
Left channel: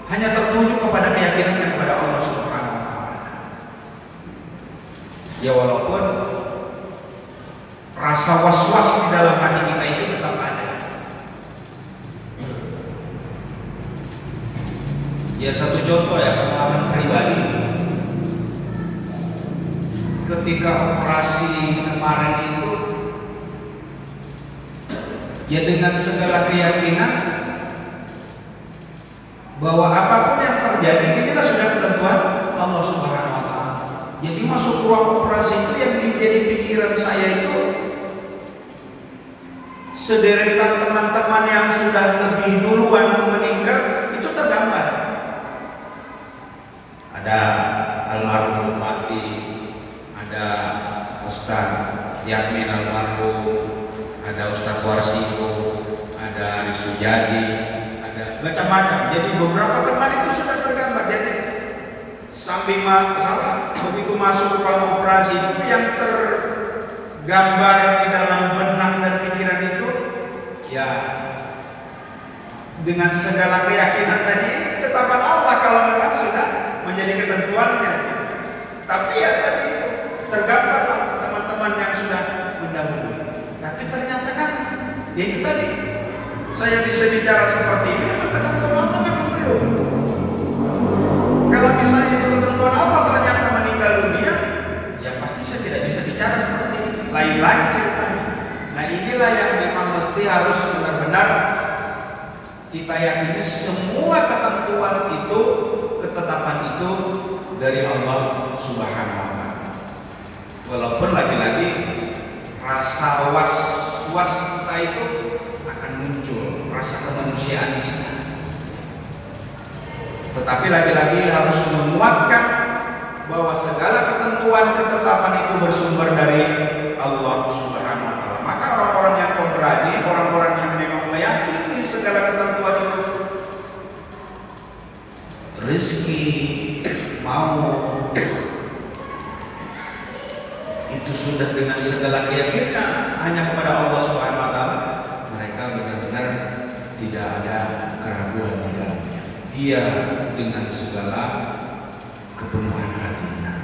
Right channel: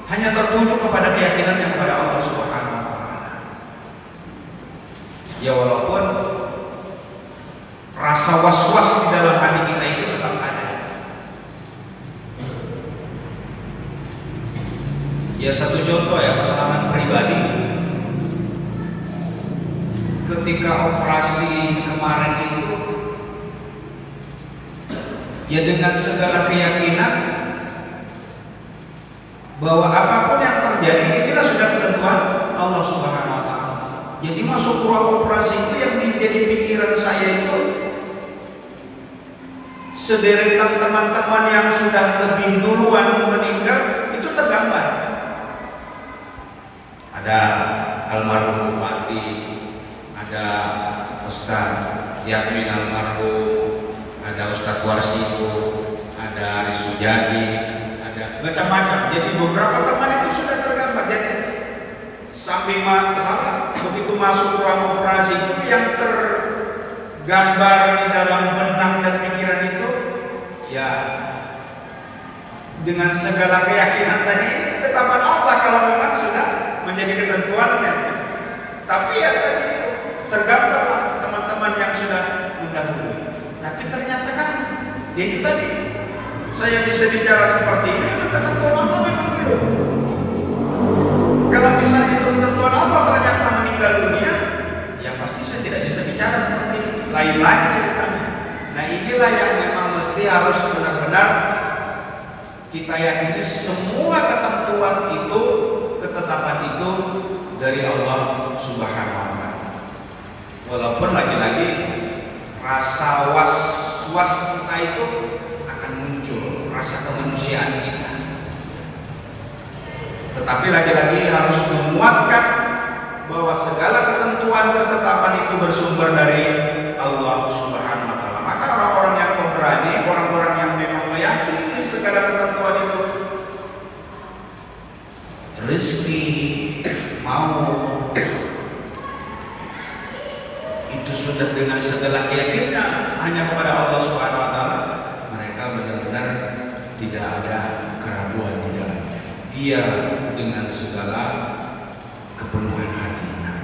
hanya tertuju kepada keyakinannya kepada Allah Subhanahu wa Ta'ala. Ya walaupun rasa was-was di dalam hati kita itu tetap ada. Ya satu contoh ya, pengalaman pribadi. Ketika operasi kemarin itu, ya dengan segala keyakinan bahwa apapun yang terjadi inilah sudah ketentuan Allah Subhanahu wa Ta'ala. Jadi masuk ruang operasi itu yang menjadi pikiran saya itu sederetan teman-teman yang sudah lebih duluan meninggal itu tergambar. Ada almarhum Bupati, ada Ustaz Yamin almarhum, ada Ustaz Warsito, ada Risujadi, ada macam-macam. Jadi beberapa teman itu sudah tergambar. Jadi samping begitu masuk ruang operasi itu yang tergambar di dalam benak dan pikiran itu, ya dengan segala keyakinan tadi ini ketetapan Allah kalau memang sudah menjadi ketentuannya. Tapi ya tadi tergambar teman-teman yang sudah mendahului. Tapi ternyata kan itu tadi saya bisa bicara seperti ini memang ketentuan Allah memang belum. Kalau misalnya itu ketentuan Allah ternyata meninggal dunia, ya pasti saya tidak bisa bicara seperti ini. Lain lagi ceritanya. Nah inilah yang memang mesti harus benar-benar kita yakini semua ketentuan itu, ketetapan itu dari Allah Subhanahu wa Ta'ala. Walaupun lagi-lagi rasa was-was kita itu akan muncul, rasa kemanusiaan kita. Tetapi lagi-lagi harus menguatkan bahwa segala ketentuan ketetapan itu bersumber dari Allah Subhanahu wa Ta'ala. Maka orang-orang yang pemberani, orang-orang yang memang meyakini segala ketentuan itu, rezeki, mau, itu sudah dengan segala keyakinan hanya kepada Allah Subhanahu wa Ta'ala. Mereka benar-benar tidak ada keraguan di dalam dia dengan segala kepenuhan hatinya.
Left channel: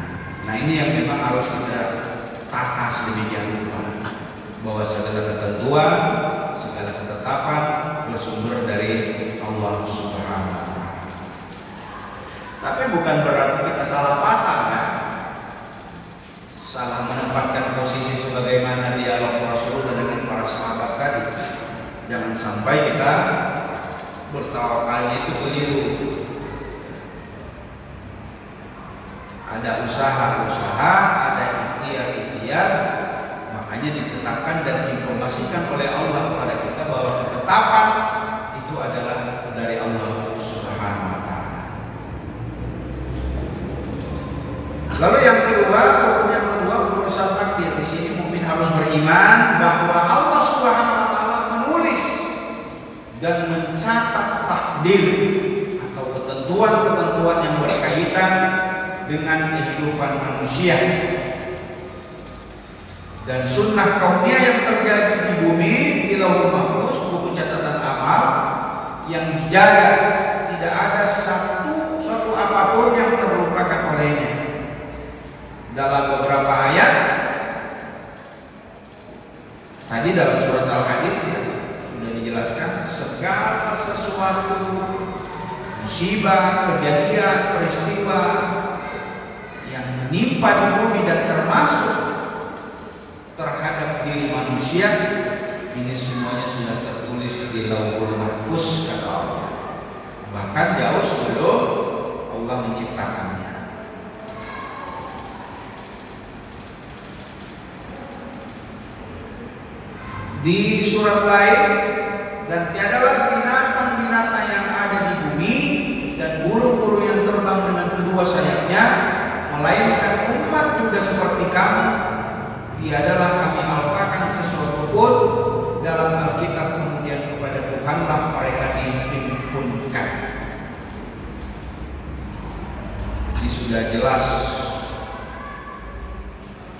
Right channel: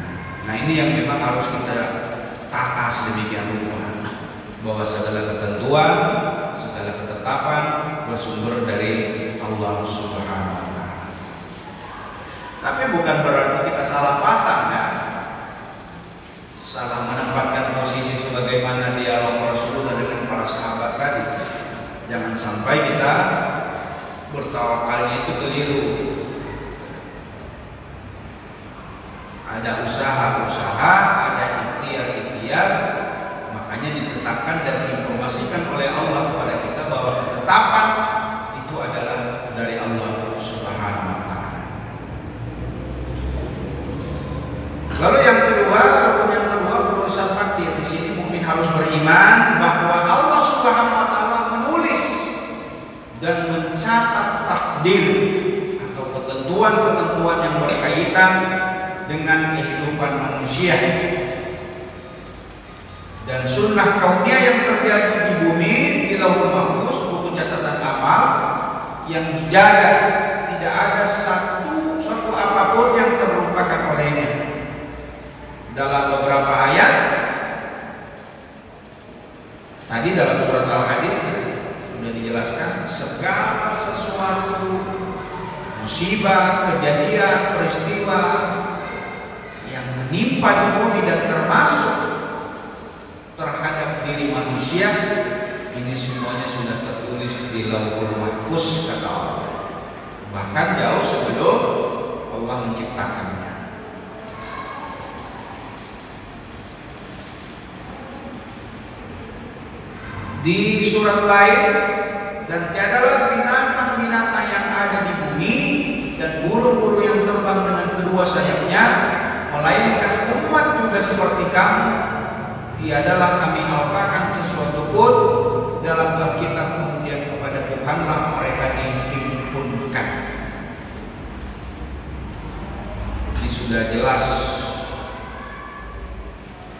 Nah ini yang memang harus kita tata sedemikian rupa, bahwa segala ketentuan, segala ketetapan bersumber dari Allah Subhanahu wa Ta'ala. Tapi bukan berarti kita salah pasang ya, salah menempatkan posisi sebagaimana dialog Rasulullah dengan para sahabat tadi. Jangan sampai kita bertawakalnya itu keliru. Ada usaha-usaha, ada ikhtiar-ikhtiar, maka Makanya ditetapkan dan diinformasikan oleh Allah kepada kita bahwa ketetapan itu adalah dari Allah Subhanahu wa taala. Lalu yang kedua, penulisan takdir. Di sini mukmin harus beriman bahwa Allah Subhanahu wa taala menulis dan mencatat takdir atau ketentuan-ketentuan yang berkaitan dengan kehidupan manusia. Dan sunnah kauniyah yang terjadi di bumi di Lauhul Mahfuz, buku catatan amal yang dijaga, tidak ada satu apapun yang terlupakan olehnya. Dalam beberapa ayat tadi dalam surat Al-Hadid sudah dijelaskan segala sesuatu musibah, kejadian, peristiwa yang menimpa di bumi dan termasuk terhadap diri manusia, ini semuanya sudah tertulis di Lauhul Mahfuz kata Allah. Bahkan jauh sebelum Allah menciptakannya. Di surat lain, dan tiadalah binatang-binatang yang ada di bumi dan burung-burung yang terbang dengan kedua sayapnya, melainkan umat juga seperti kamu. Tiadalah kami alpakan sesuatu pun dalam Alkitab kemudian kepada Tuhanlah mereka dihimpunkan. Ini sudah jelas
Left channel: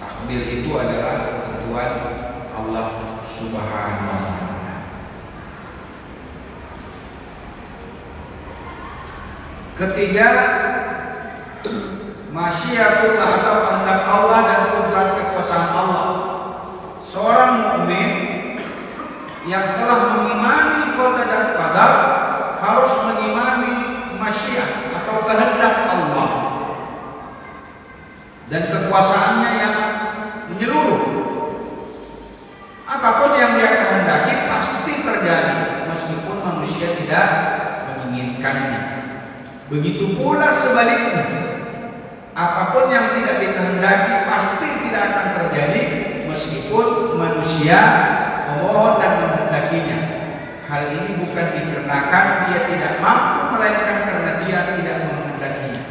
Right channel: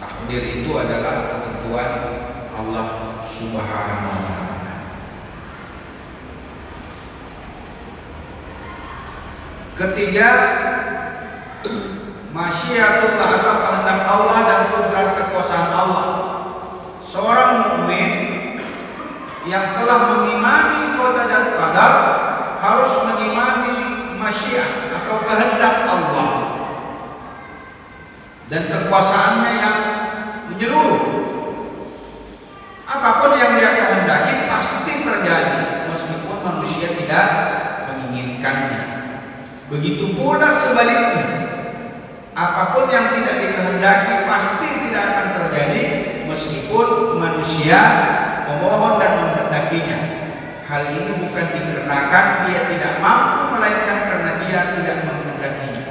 takdir itu adalah ketentuan Allah Subhanahu wa taala. Ketiga, masyiatullah atau kehendak Allah dan kudrat kekuasaan Allah. Seorang mukmin yang telah mengimani qada dan qadar harus mengimani masyiat atau kehendak Allah dan kekuasaannya yang menyeluruh. Apapun yang dia kehendaki pasti terjadi meskipun manusia tidak menginginkannya. Begitu pula sebaliknya, apapun yang tidak dikehendaki pasti tidak akan terjadi meskipun manusia memohon dan menghendakinya. Hal ini bukan dikarenakan dia tidak mampu, melainkan karena dia tidak menghendakinya.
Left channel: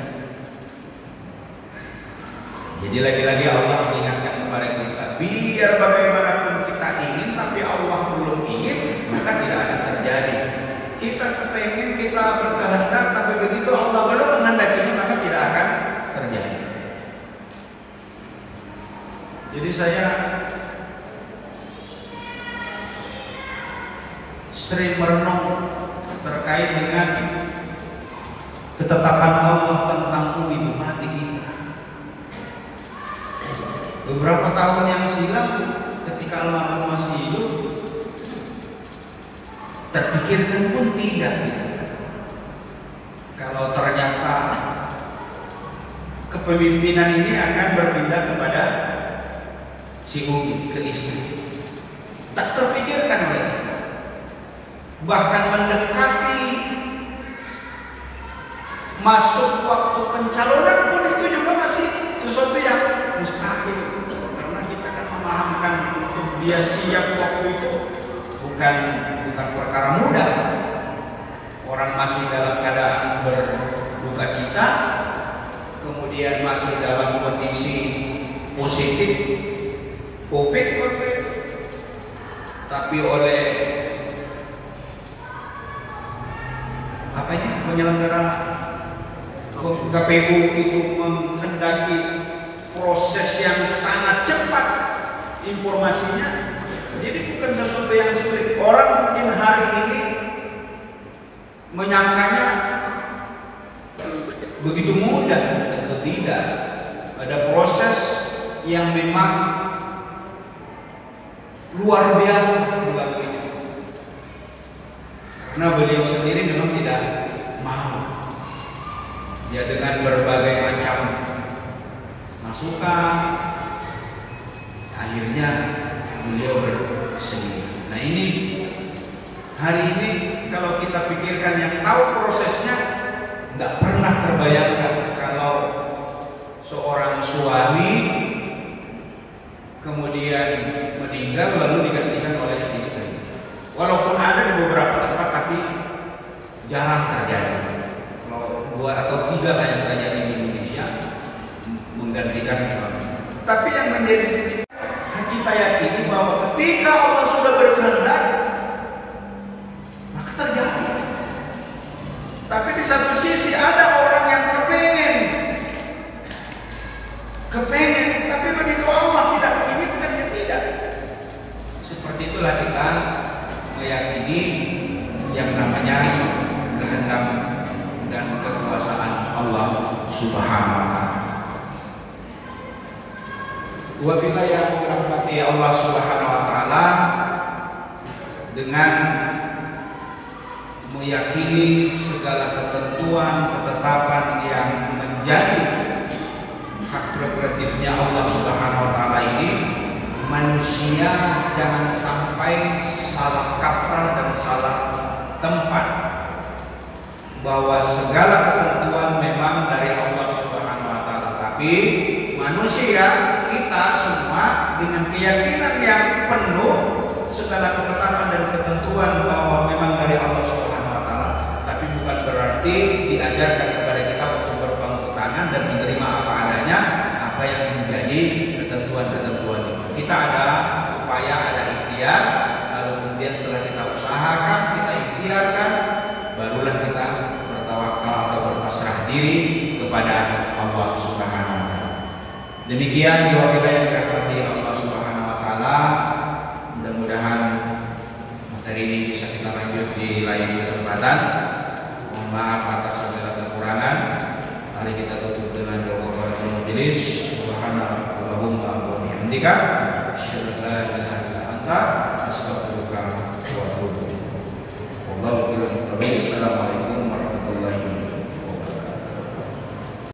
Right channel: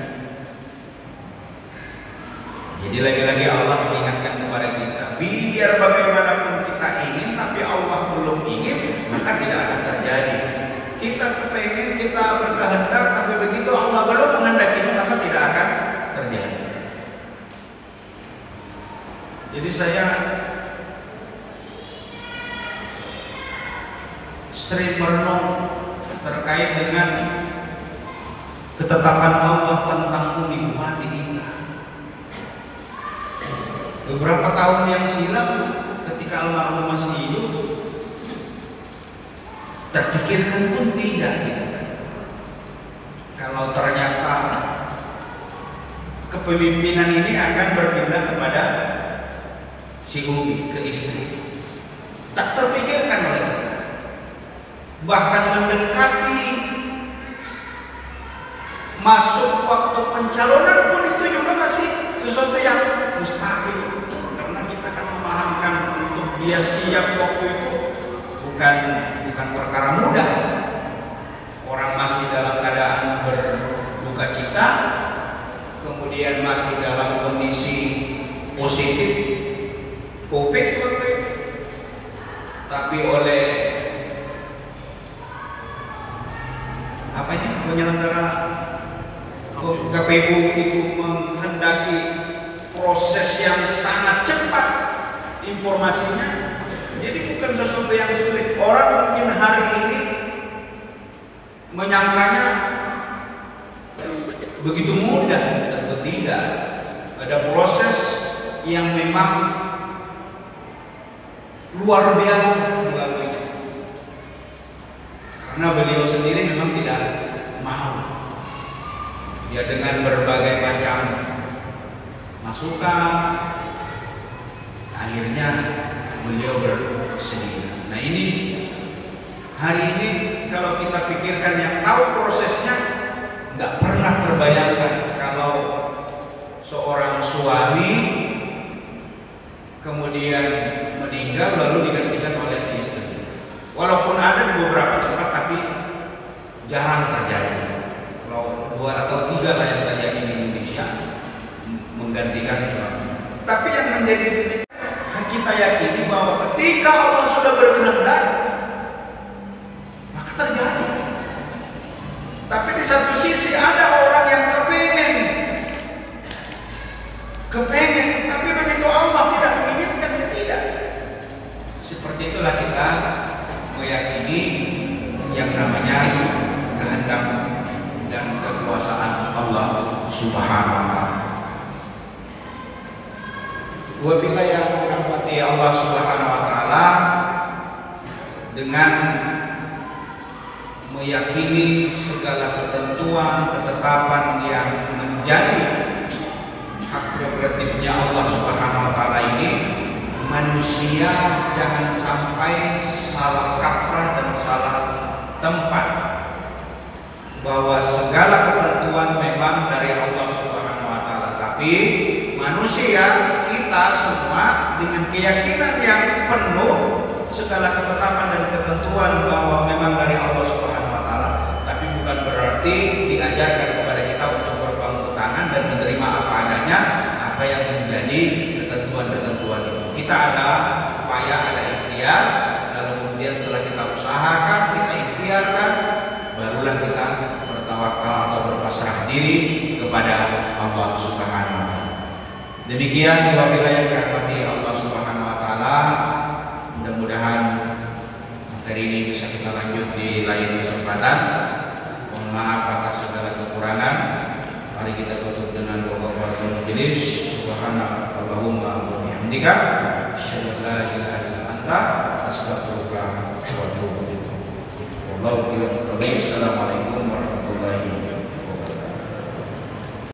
Jadi lagi-lagi Allah mengingatkan kepada kita, biar bagaimanapun kita ingin tapi Allah belum ingin, maka tidak akan terjadi. Kita kepengen, kita berkehendak, tapi begitu Allah belum menghendakinya, maka tidak akan terjadi. Jadi saya sering merenung terkait dengan ketetapan Allah tentang hidup mati ini. Beberapa tahun yang silam, ketika almarhum masih hidup, terpikirkan pun tidak gitu. Kalau ternyata kepemimpinan ini akan berpindah kepada si Umi, ke istri, tak terpikirkan oleh kita. Bahkan mendekati masuk waktu pencalonan pun itu juga masih sesuatu yang mustahil, karena kita kan memahamkan untuk dia siap waktu itu bukan perkara mudah. Orang masih dalam keadaan berduka cita, kemudian masih dalam kondisi positif COVID waktu itu, tapi oleh penyelenggara KPU itu menghendaki proses yang sangat cepat informasinya. Jadi bukan sesuatu yang sulit. Orang mungkin hari ini menyangkanya begitu mudah, tentu tidak. Ada proses yang memang luar biasa dilalui. Karena beliau sendiri memang tidak mau. Ya dengan berbagai macam masukan, akhirnya beliau bersedih. Nah ini hari ini kalau kita pikirkan yang tahu prosesnya, nggak pernah terbayangkan kalau seorang suami kemudian kemudian meninggal lalu digantikan oleh istri. Walaupun ada di beberapa tempat tapi jarang terjadi. Kalau 2 atau 3 lah yang terjadi di Indonesia menggantikan suami. Tapi yang menjadi kita yakini bahwa ketika Allah sudah berkehendak maka terjadi. Tapi di satu sisi ada orang yang kepengen, tapi begitu Allah tidak menginginkan, dia tidak. Seperti itulah kita meyakini yang namanya kehendak dan kekuasaan Allah Subhanahu wa taala. Wa bila yang dirahmati Allah Subhanahu wa taala, dengan meyakini segala ketentuan, ketetapan yang menjadi hak prerogatifnya Allah Subhanahu wa taala ini, manusia jangan sampai salah kaprah dan salah tempat bahwa segala ketentuan memang dari Allah Subhanahu wa taala. Tapi manusia kita semua dengan keyakinan yang penuh segala ketetapan dan ketentuan bahwa memang dari Allah Subhanahu wa taala, tapi bukan berarti diajarkan kepada kita untuk berpangku tangan dan menerima apa adanya apa yang menjadi ketentuan-ketentuan itu. Kita ada upaya, ada ikhtiar, lalu kemudian setelah kita usahakan, kita ikhtiarkan, barulah kita bertawakal atau berpasrah diri kepada Allah Subhanahu wa taala. Demikian wabillahi yang dirahmati Allah Subhanahu wa taala. Mudah-mudahan materi ini bisa kita lanjut di lain kesempatan. Mohon maaf atas segala kekurangan. Mari kita tutup dengan doa kafaratul majelis. Subhanallahumma wa bihamdika, asyhadu an la ilaha illa anta, astaghfiruka wa atubu ilaik. Wallahu a'lam.